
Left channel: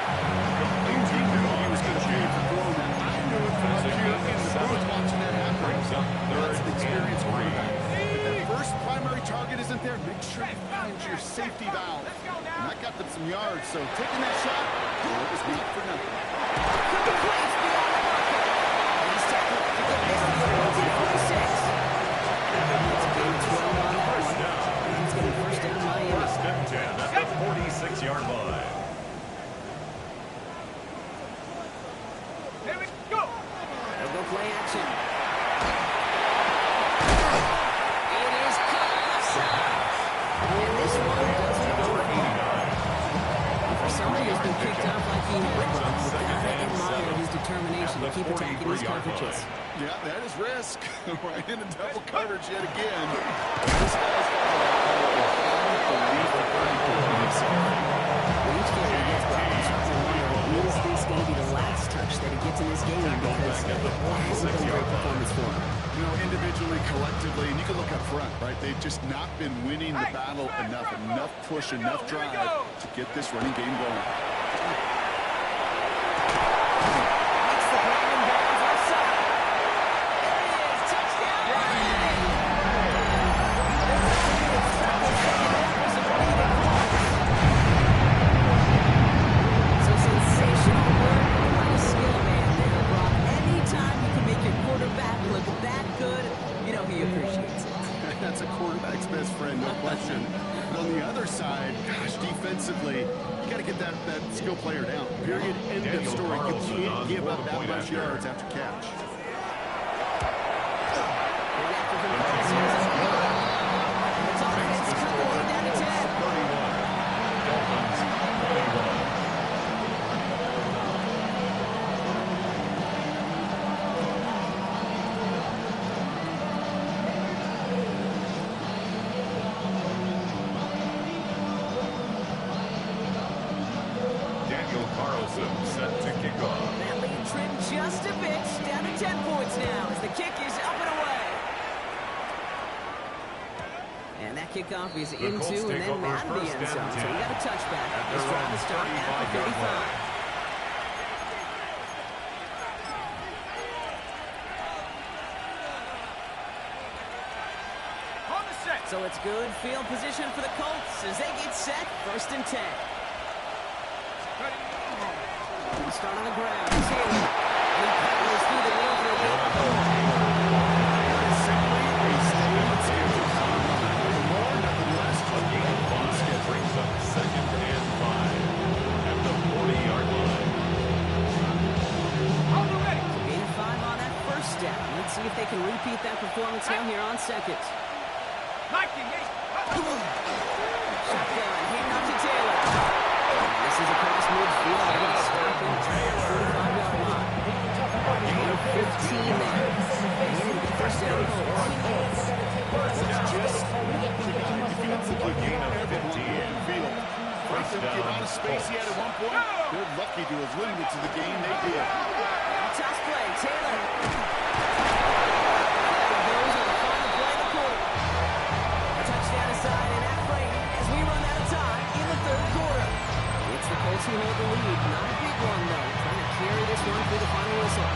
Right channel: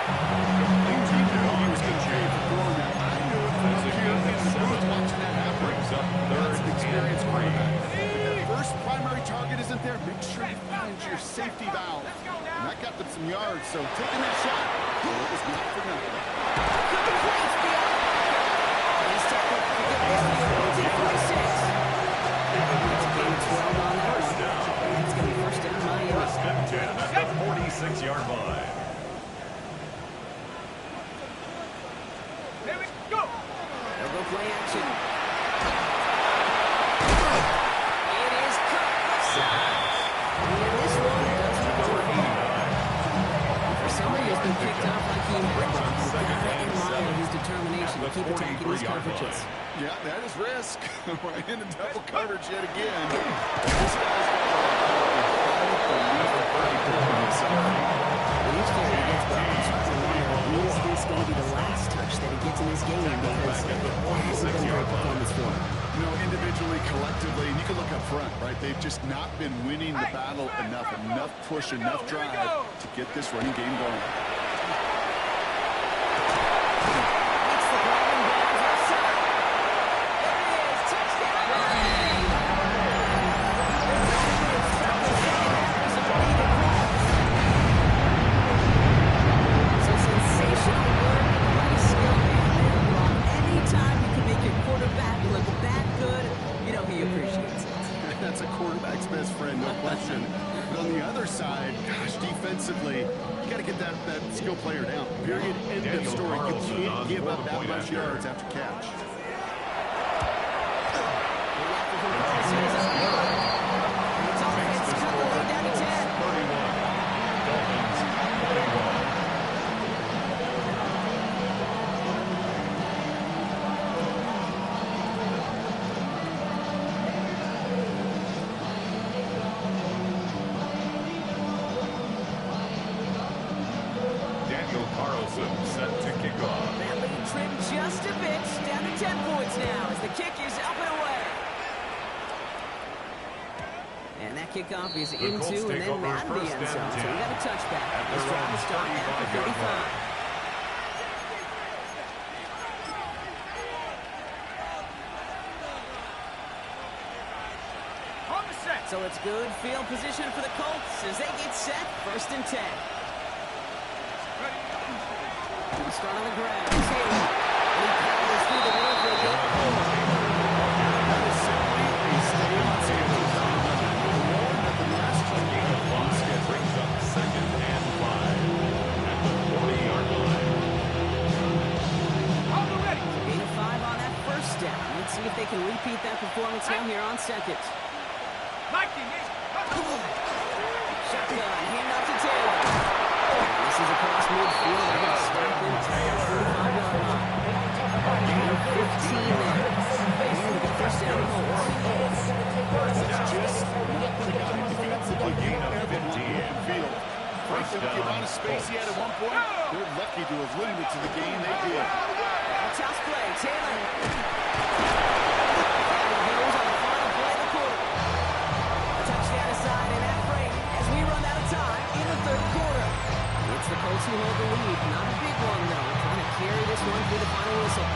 He knew he was going to pay for throwing that. I knew it from up here in the booth watching that happen. Brings up That's 3rd an experienced and 3. quarterback. If that first primary target isn't there, make sure you find your safety valve. And that got them some yards, so taking that shot, it was not for nothing. Complete beyond the marker. And he's tackled to get this to the opposing 46. It's a gain of 12 on that one. It's going to be first down Miami. 1st and 10 at the 46-yard line. Here we go. They'll go play action. It is cut left side. And this one doesn't go far. For somebody who's been picked up like he had, you've got to admire his determination to keep attacking these coverages. Yeah, that is risk. Right into double coverage yet again. This guy's got what I call a high belief in himself. When each carry gets brought, I'm starting to wonder, is this going to be the last touch that he gets in this game? Because it hasn't been a great performance for him. You know, individually, collectively, and you can look up front, right? They've just not been winning the battle enough push, enough drive to get this running game going. Makes the ground and bounds left side. There it is, touchdown Miami! So sensational work by the skill man there, Brock. Anytime you can make your quarterback look that good, you know he appreciates it. That's a quarterback's best friend, no question. But on the other side, gosh, defensively, you got to get that skill player down. Period. End of story. You can't give up that much yards after catch. It's offense cut the lead down to 10. 31. Dolphins 21. Set to kick off. That lead trimmed just a bit, down to 10 points now as the kick is up and away. And that kickoff is into and then out of the end zone. So we got a touchback. This drive will start at the 35. On the set. So it's good field position for the Colts as they get set, 1st and 10. Ready. We start on the ground. Taylor. He powers through the middle for a good pull. That is simply a stay on schedule. Nothing more, nothing less. A gain of 5 brings up 2nd and 5 at the 40-yard line. On the ready. Gain of 5 on that first down. Let's see if they can repeat that performance now here on 2nd. Liking it. Shotgun, handoff to Taylor. This is across midfield. They're going to stop him at the 45-yard line. Gain of 15 there. And it'll be first down Colts. That's just not the guy defensively. A gain of 15. Field. Right, the amount of space he had at one point, they're lucky to have limited to the game they did. Toss play, Taylor. There he goes on the final play of the quarter. A touchdown aside and at Brady as we run out of time in the 3rd quarter. It's the Colts who hold the lead. Not a big one, though. Trying to carry this one through the final whistle.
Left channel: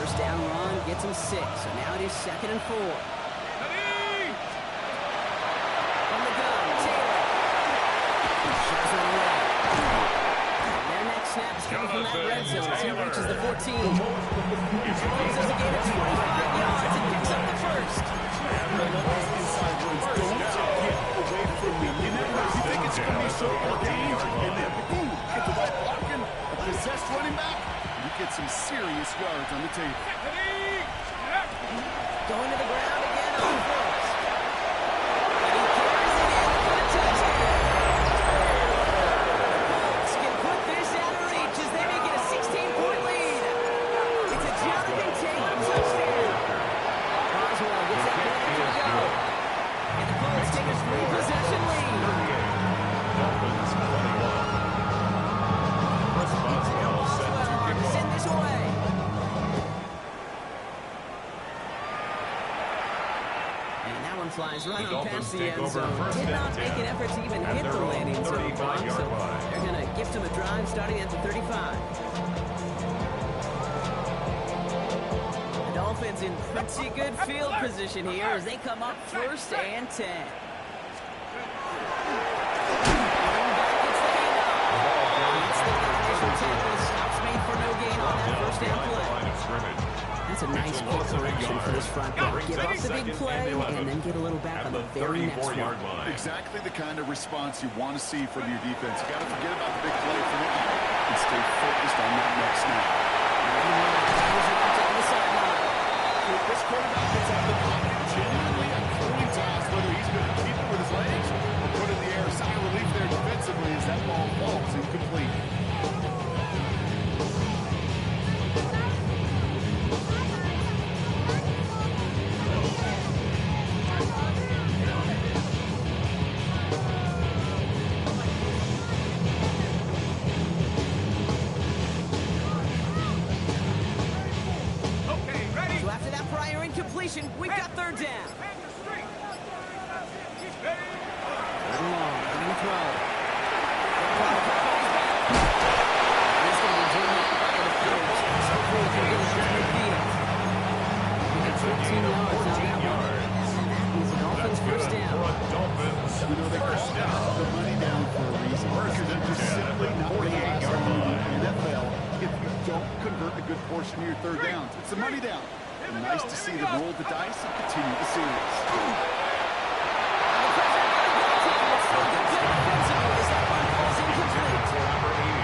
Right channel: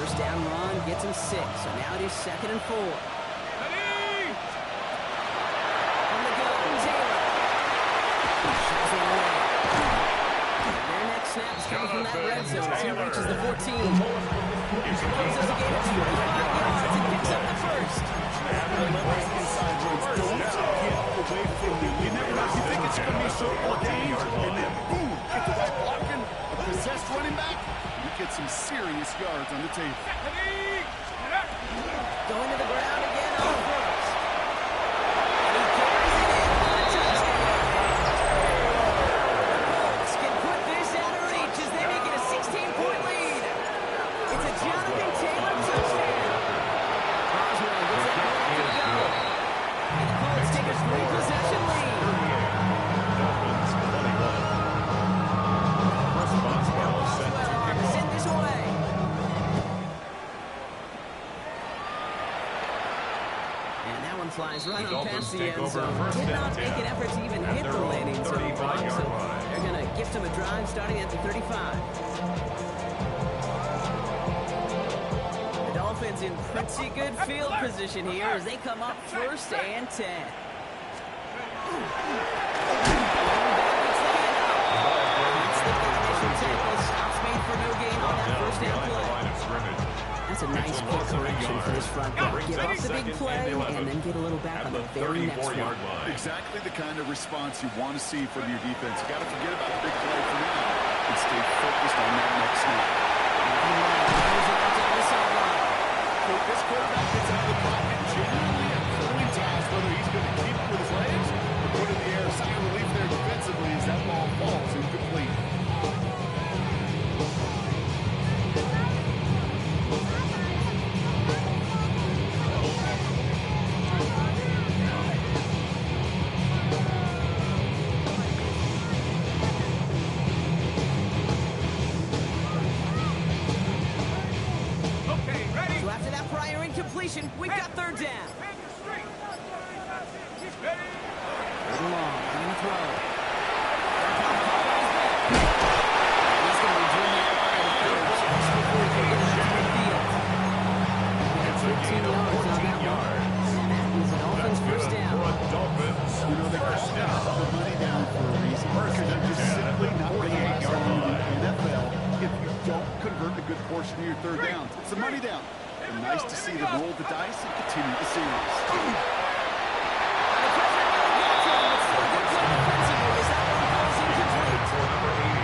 First down run gets him 6. So now it is 2nd and 4. Ready. From the gun, Taylor. Shoves one away. And their next snap is coming from that red zone as he reaches the 14. Closes a gain of 25 yards and picks up the first. Relentless inside runs. Don't get away from them. You never know. You think it's going to be short for a game, and then boom, get the right blocking, a possessed running back, and you get some serious yards on the table. Ready. Going to the ground again on gets that point after the go. And the Colts take a 3-possession lead. 38. Dolphins 21. Chris Boswell set to Boswell kick send off. this away. And that one flies right The on past Dolphins the take end over zone. first Did and not make 10. an effort to even At hit their the own landing zone. 35-yard So line. they're going to gift him a drive starting at the 35. The Dolphins in pretty good field position here as they come up first and 10. Running back gets the handoff. Gets the initial tackle. Stops made for no gain on that first down Behind the play. line of scrimmage. That's a nice quick correction for this front back. Give up the big play and then get a little back on the very next one. 34-yard line. Exactly the kind of response you want to see from your defense. You got to forget about the big play for now and stay focused on that next snap. Down the sideline. This quarterback gets out of the pocket genuinely a coin toss, whether he's going to keep it with his legs or put it in the air. Sigh of relief there defensively as that ball falls incomplete. Okay, ready? So after that prior incompletion, we've got third down. Hang your street. Ready? Third and long. He's going to throw. He's going to be driven out by the defender just before he can get it into midfield. We got It's a 14 gain of yards on 14 that one. yards. And that is the Dolphins' That's first good down. for the Dolphins. You know, they call that the money down for a reason. Because they're just simply not going to last long in the NFL if you don't convert a good portion of your third downs. It's the money down. And nice to see them roll the dice and continue the series. The pressure nearly got to him, but still good play defensively as that one falls incomplete. For number 80.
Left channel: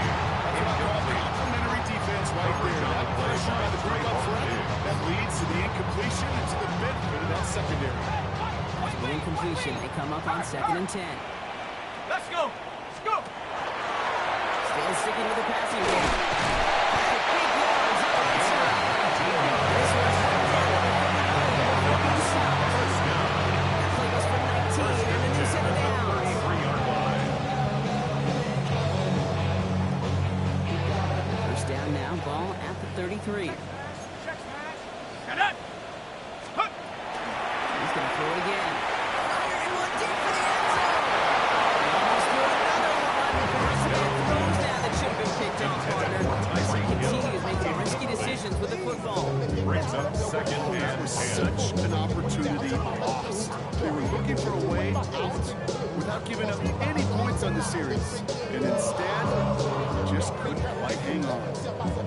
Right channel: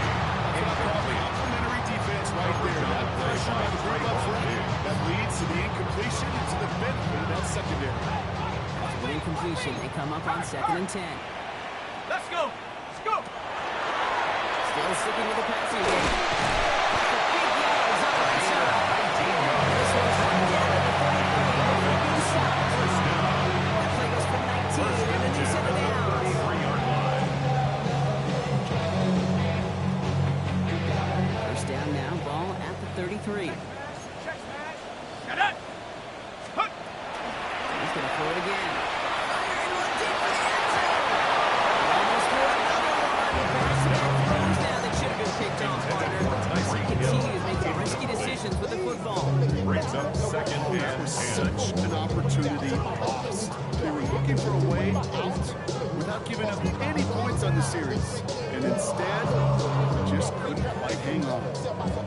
That's what I call complimentary defense right there. That pressure by the group up front that leads to the incompletion and to the benefit of that secondary. After the incompletion, they come up on 2nd and 10. Let's go. Let's go. Still sticking with the passing game. The big yards on the right side. This one's one down to the 33 before being stopped. First down. That play goes for 19 and a new set of downs. 33-yard line. First down now, ball at the 33. Check smash. Get it. Hook. He's going to throw it again. Firing one deep for the end zone. He almost threw another one. Back-to-back throws now that should have been picked off, partner. He continues making risky decisions with the football. Brings up second That and was 10. such an opportunity lost. They were looking for a way out without giving up any points on the series. And instead, just couldn't quite hang on.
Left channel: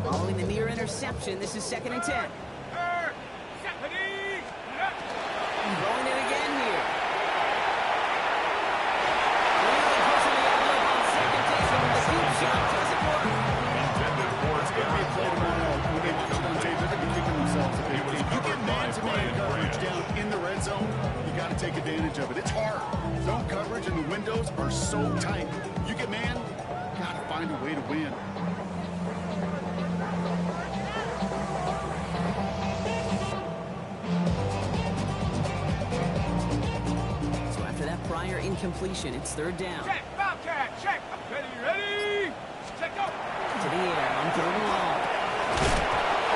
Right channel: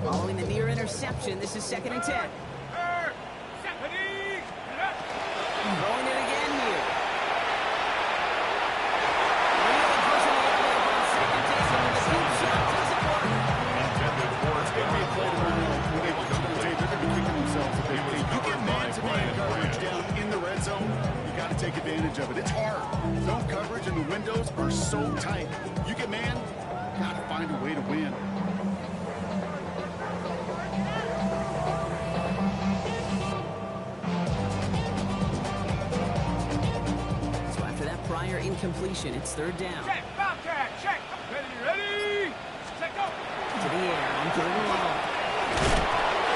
Following the near interception, this is 2nd and 10. Third. Ready. Get it. Throwing it again here. Really pushing the envelope on 2nd down, and the deep shot doesn't work. Intended for It's going to be a play tomorrow. When they watch it on tape, they're going to be kicking themselves a bit. If you get man-to-man coverage down in the red zone, you got to take advantage of it. It's hard. Zone coverage and the windows are so tight. You get man, got to find a way to win. So after that prior incompletion, it's 3rd down. Check. Bobcat. Check. Ready. Ready. Set go. To the air on 3rd and long.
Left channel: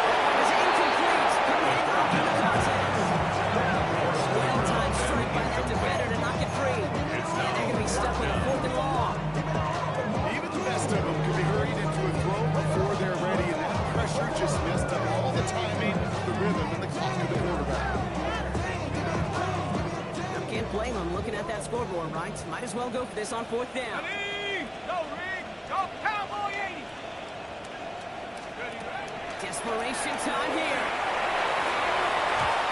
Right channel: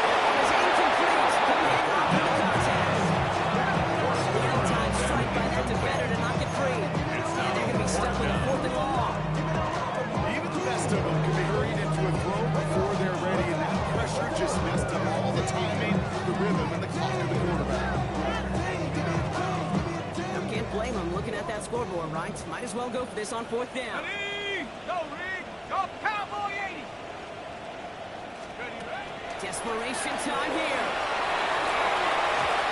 That one is incomplete. Couldn't hang on to the contest. Well-timed strike by that defender to knock it free. And they're going to be stuck with a 4th and long. Even the best of them can be hurried into a throw before they're ready, and that pressure just messed up all the timing, the rhythm, and the clock of the quarterback. Now, can't blame them looking at that scoreboard, right? Might as well go for this on 4th down. Ready. Go, Rig. Go, Cowboy 80. Ready. Ready. Desperation time here.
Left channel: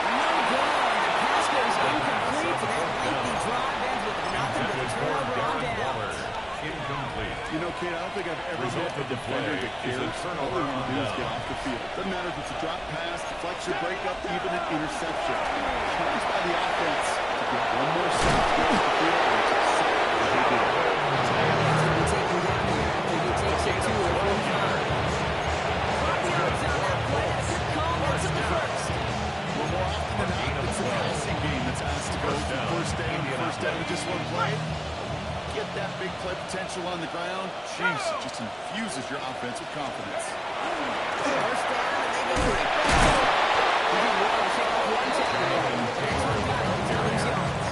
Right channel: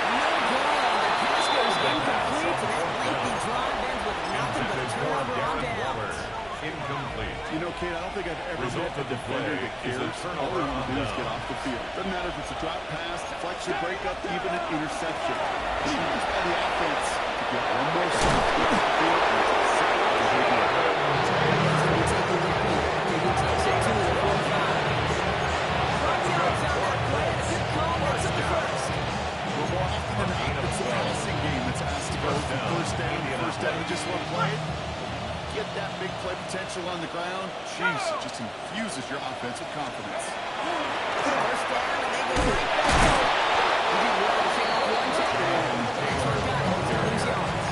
No good. The pass goes incomplete, and that lengthy drive ends with nothing but a Intended for turnover on Darren Waller. downs. Incomplete. You know, Kate, I don't think I've ever Result met a of the defender play that is a cares. All turnover they want on to do is down. get off the field. Doesn't matter if it's a drop pass, deflection, breakup, even an interception. It's nice by the offense to get one more stop to get off the field, and it's exactly what they did. He's going to be taken down here after he takes it to the 45. 5 yards on that play, and a good call. That's on the first. Well, more often than not, it's a passing game that's asked to go first down in just one play. Get that big play potential on the ground. Jeez, it just infuses your offense with confidence. First down, and they go right back to it. He did well to shake off one tackle. That's what got him to lose yards.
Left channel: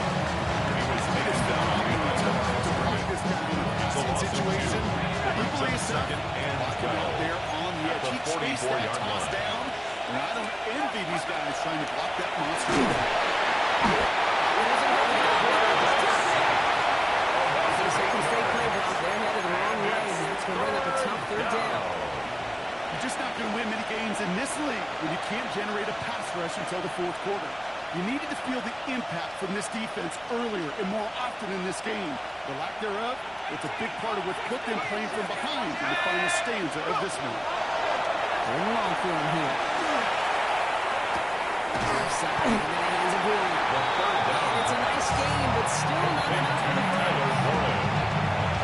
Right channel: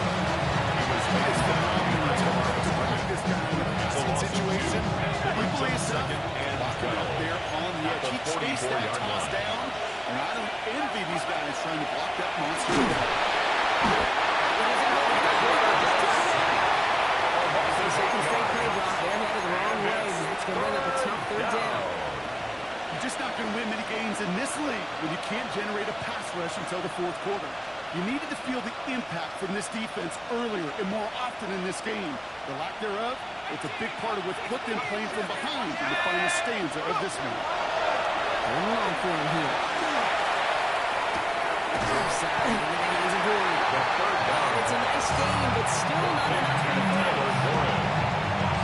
He was taken down To bring this guy in a passing situation, he believes second and walking go. out there on the edge. He chased that 44-yard toss line. down, and I don't envy these guys trying to block that monster. It isn't holding up. Just drop it. Second straight play block. They're headed the wrong way. That's going to bring up a tough third down. You're just not going to win many games in this league when you can't generate a pass rush until the fourth quarter. You needed to feel the impact from this defense earlier and more often in this game. The lack thereof, it's a big part of what put them playing from behind in the final stanza of this one. Third and long for him here. Offside into the hands of Warren. The third down. And it's a nice game, but still not enough for the first.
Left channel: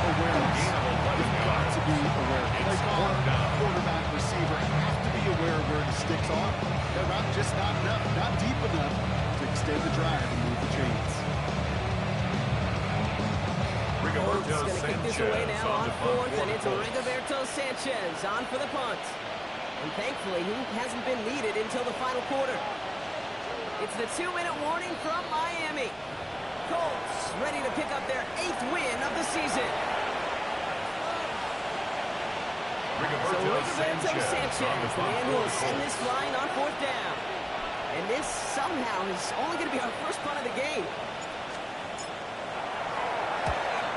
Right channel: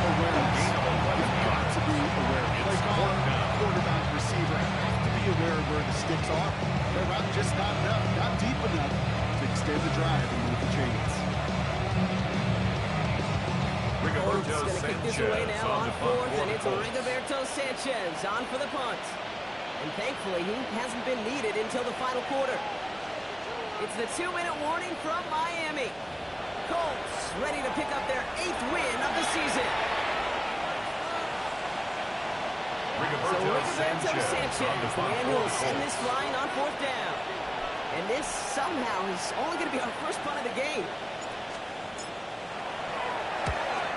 Awareness. You've got to be aware. Play caller, down. quarterback, receiver have to be aware of where the sticks are. They're not just not enough, not deep enough to extend the drive and move the chains. Colts Rigoberto going to kick this Sanchez away now on on the punt fourth, for and the it's Colts. Rigoberto Sanchez on for the punt. And thankfully, he hasn't been needed until the final quarter. It's the 2-minute warning from Miami. Colts ready to pick up their 8th win of the season. So Rigoberto Sanchez, the man who will send this flying on fourth down. And this somehow is only going to be our first punt of the game.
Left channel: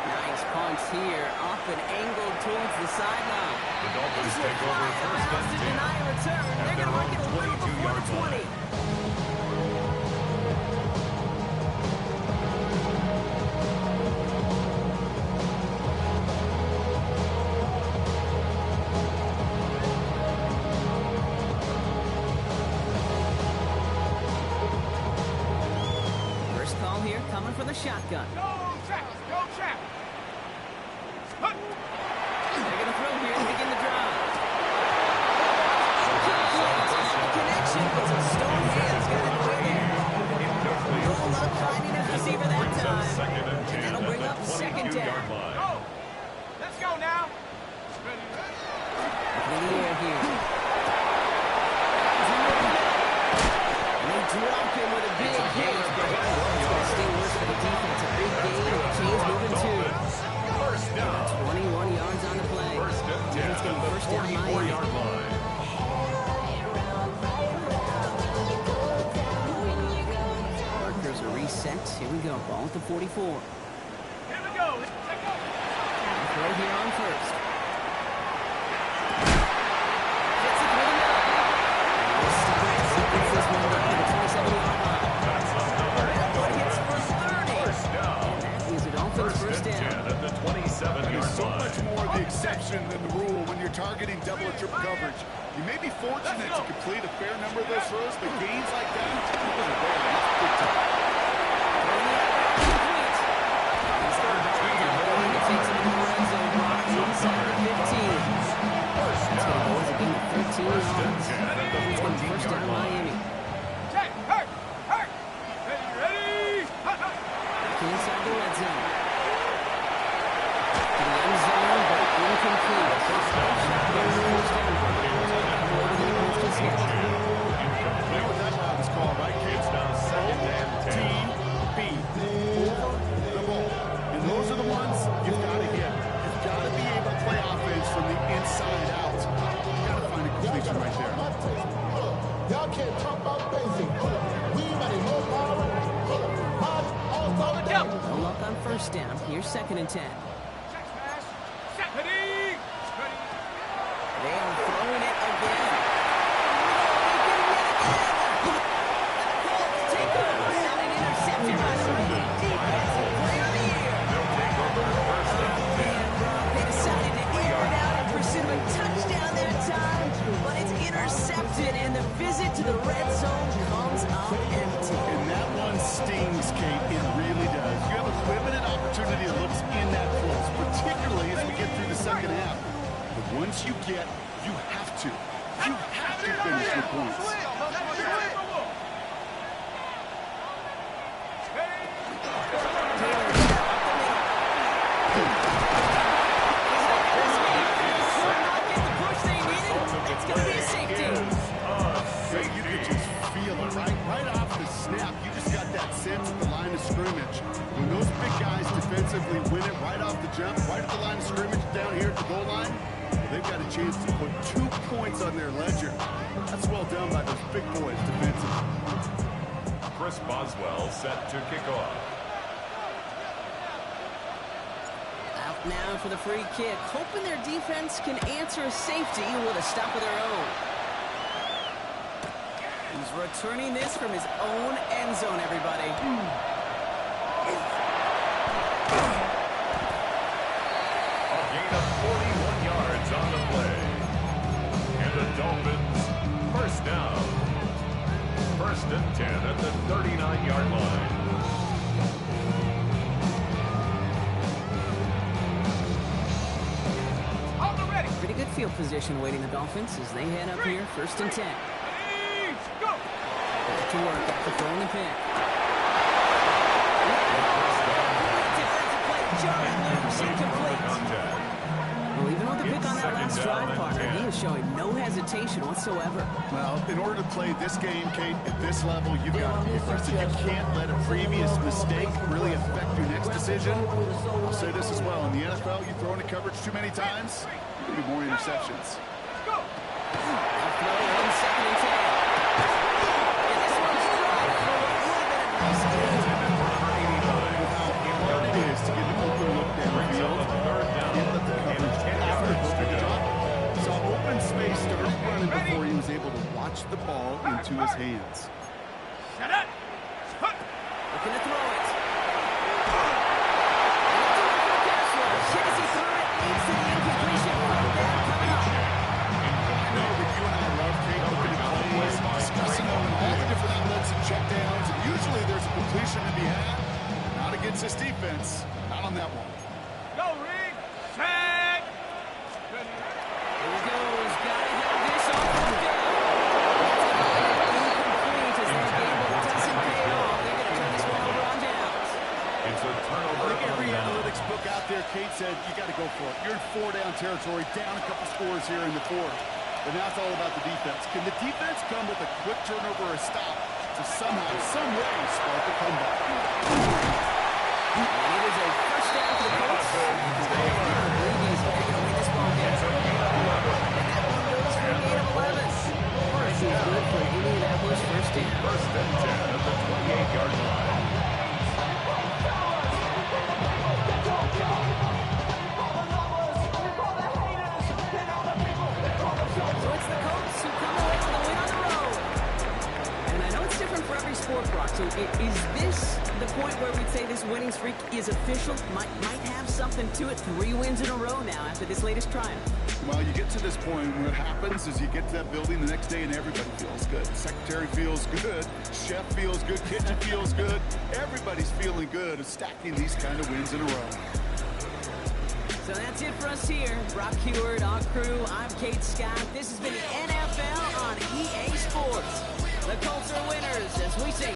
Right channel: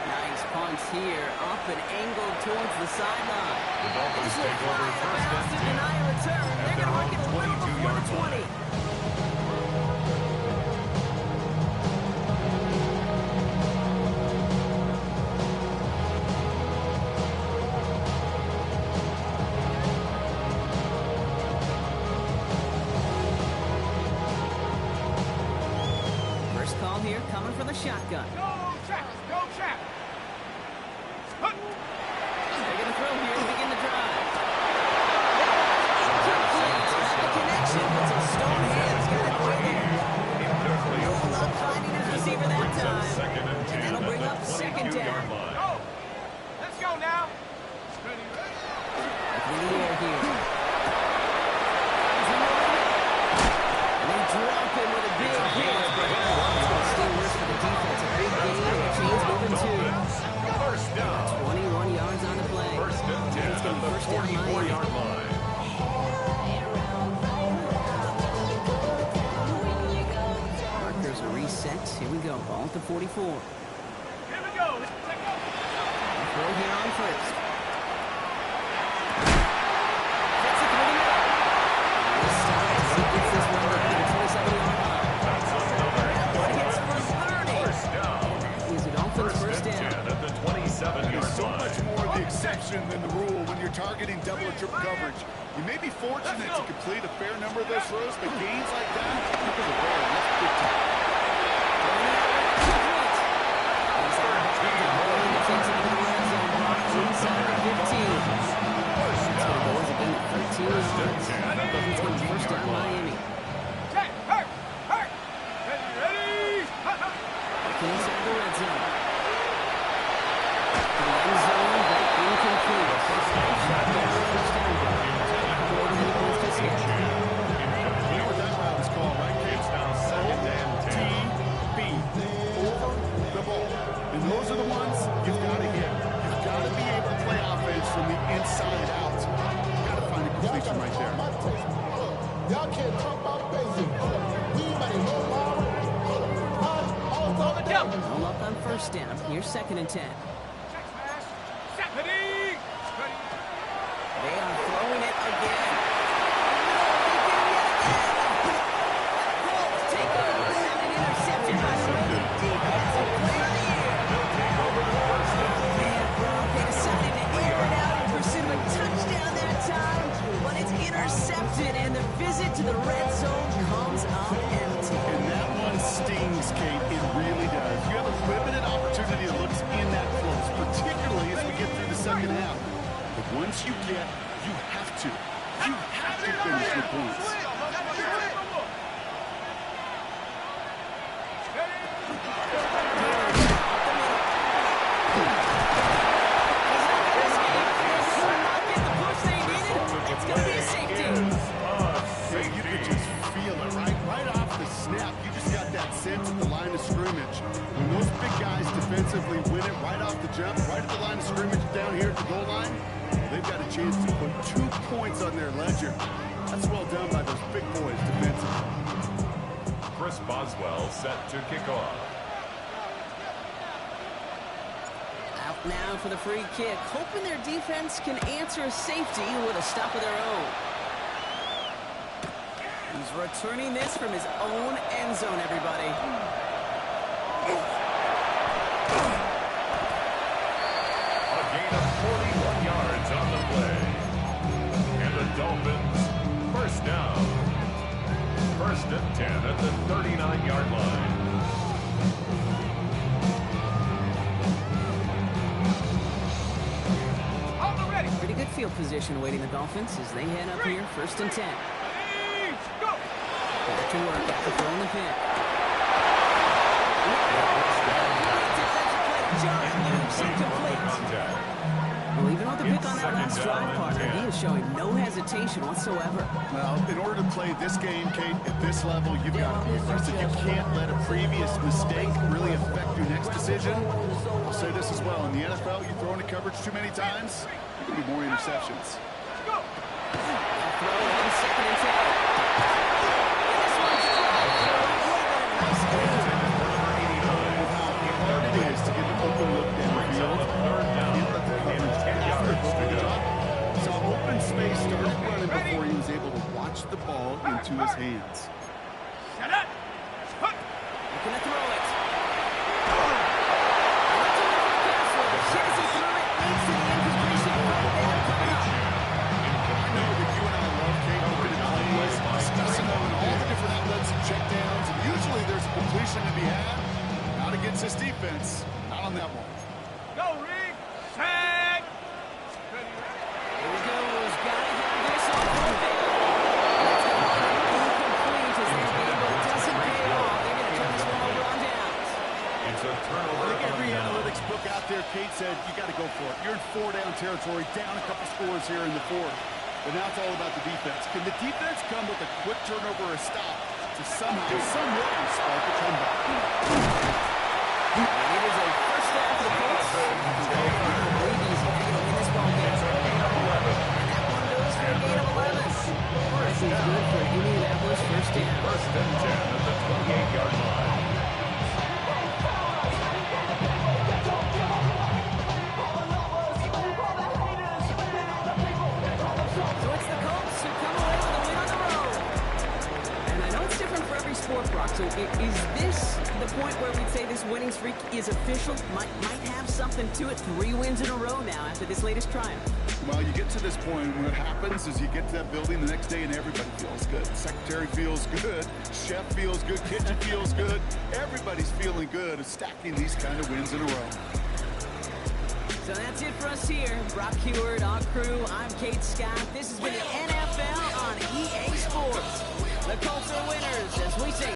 Nice punt here, up and angled towards the sideline. The Dolphins This will take fly over out of first bounds and to 10. deny a return. At They're their going to own mark it a little before the 22-yard 20. line. First call here coming from the shotgun. Go, Jack! Go, Jack! Hup! They're going to throw here to begin the drive. Incomplete. The connection, but some stone hands got in the way there. No luck finding his receiver that time. And that'll bring up second down. Go! Let's go now! Ready, ready! In the air here. And they drop him with a big hit. But it's going to stay worse for the defense. A big gain, and the chains moving too. First down. 21 yards on the play. First and 10 It's going to at be the first down Miami. 44-yard line. Markers are reset. Here we go. Ball at the 44. Here we go! Let's go! Throw here on first. Gets it through the middle. This time, he gets this one down to the 27-yard line. That's another One hits for 30. first down. That is a Dolphins first and down. 10 at the 27-yard There's so line. much more the exception than the rule when you're targeting double or triple coverage. You may be fortunate to complete a fair number of those throws, but gains like that, those are rare, and that's big time. Throwing the outright complete. He's got back into Bowen. It takes him into the red zone. Block inside the 15. That's going to go as a gain of 13 yards. He's going to first down Miami. Jack! Hurt! Hurt! Ready, ready! Hut, hut! Back inside the red zone. To the end zone, but incomplete. Shotgun first down. Come over the points just yet. You know what that route is called, right, Kate? It's now second and 10. TB, over the ball. And those are the ones you've got to hit. You've got to be able to play offense from the inside out. You've got to find a completion right there. Y'all can't talk about basic. We might know power. No luck on first down. Here's second and 10. Check smash! Set! Ready! Ready! They are throwing it again. No, they did it yet again. And the Colts take over. And an interception by the reigning defensive player of the year. They'll take over first and 10. Man, Brock, they decided to air it out in pursuit of a touchdown that time, but it's intercepted, and the visit to the red zone comes up empty. And that one stings, Kate. It really does. You have a limited opportunity that looks in that close, particularly as we get through the second half. But once you get, you have to finish with points. You could just feel it, right? Right off the snap, you just got that sense at the line of scrimmage. When those big guys defensively win it right off the jump, right at the line of scrimmage down here at the goal line, well, they've got a chance to put 2 points on their ledger. That's well done by those big boys defensively. Chris Boswell set to kick off. Out now for the free kick, hoping their defense can answer a safety with a stop of their own. He's returning this from his own end zone, everybody. A gain of 41 yards on the play. And the Dolphins, first down. 1st and 10 at the 39-yard line. Pretty good field position awaiting the Dolphins as they head up here, 1st and 10. Go! Back to work after throwing the pick. Great defensive play to Jarvis Lewis, incomplete. Well, even with the pick on that last drive, partner, he is showing no hesitation whatsoever. Well, in order to play this game, Kate, at this level, you've got to be aggressive. You can't let a previous mistake really affect your next decision. I'll say this as well. In the NFL, you throw into coverage too many times, there's going to be more interceptions. Go! They'll throw on 2nd and 10. And this one's dropped. It would have been a nice game. With how hard it is to get an open look downfield, can't let the coverage after the drop. Saw open space, started running before he was able to watch the ball into his hands. Shut up! Looking to throw it. And it's away from the pass rush. As he threw it, leads to the incompletion. Right there, coming up. I know that you and I love Kate looking at plays, discussing them and all the different outlets and checkdowns, and usually there's a completion to be had. Not against this defense. Not on that one. Go, Reed! Set! Here he goes. Gotta have this on 4th down. That's going to be incomplete as their gamble doesn't pay off. They're going to turn this one over on downs. It's a I turnover think every on downs. analytics book out there, Kate said, you got to go for it. You're in 4-down territory, down a couple scores here in the 4th. But now it's all about the defense. Can the defense come with a quick turnover or a stop to somehow, some way, spark a comeback? And it is a 1st down for the Colts. Breathe easy. They're going to win this ball game. It's a gain of 11. And that one goes for a gain of 11. This is good for Indianapolis 1st down. 1st and 10 at the 28-yard line. So it's the Colts who come away with a win on the road. And I know it's different for every sport, Brock. So is this the point where we'd say this winning streak is official? Might have something to it. 3 wins in a row now after this latest triumph. Well, you get to this point, and what happens is you get to that building the next day and everybody feels good. Secretary feels good, chef feels good, kitchen feels good. Everybody's feeling good of stacking these kind of wins in a row. So that's it for us here. Brock Heward, our crew, I'm Kate Scott. This has been the NFL on EA Sports. The Colts are winners as we say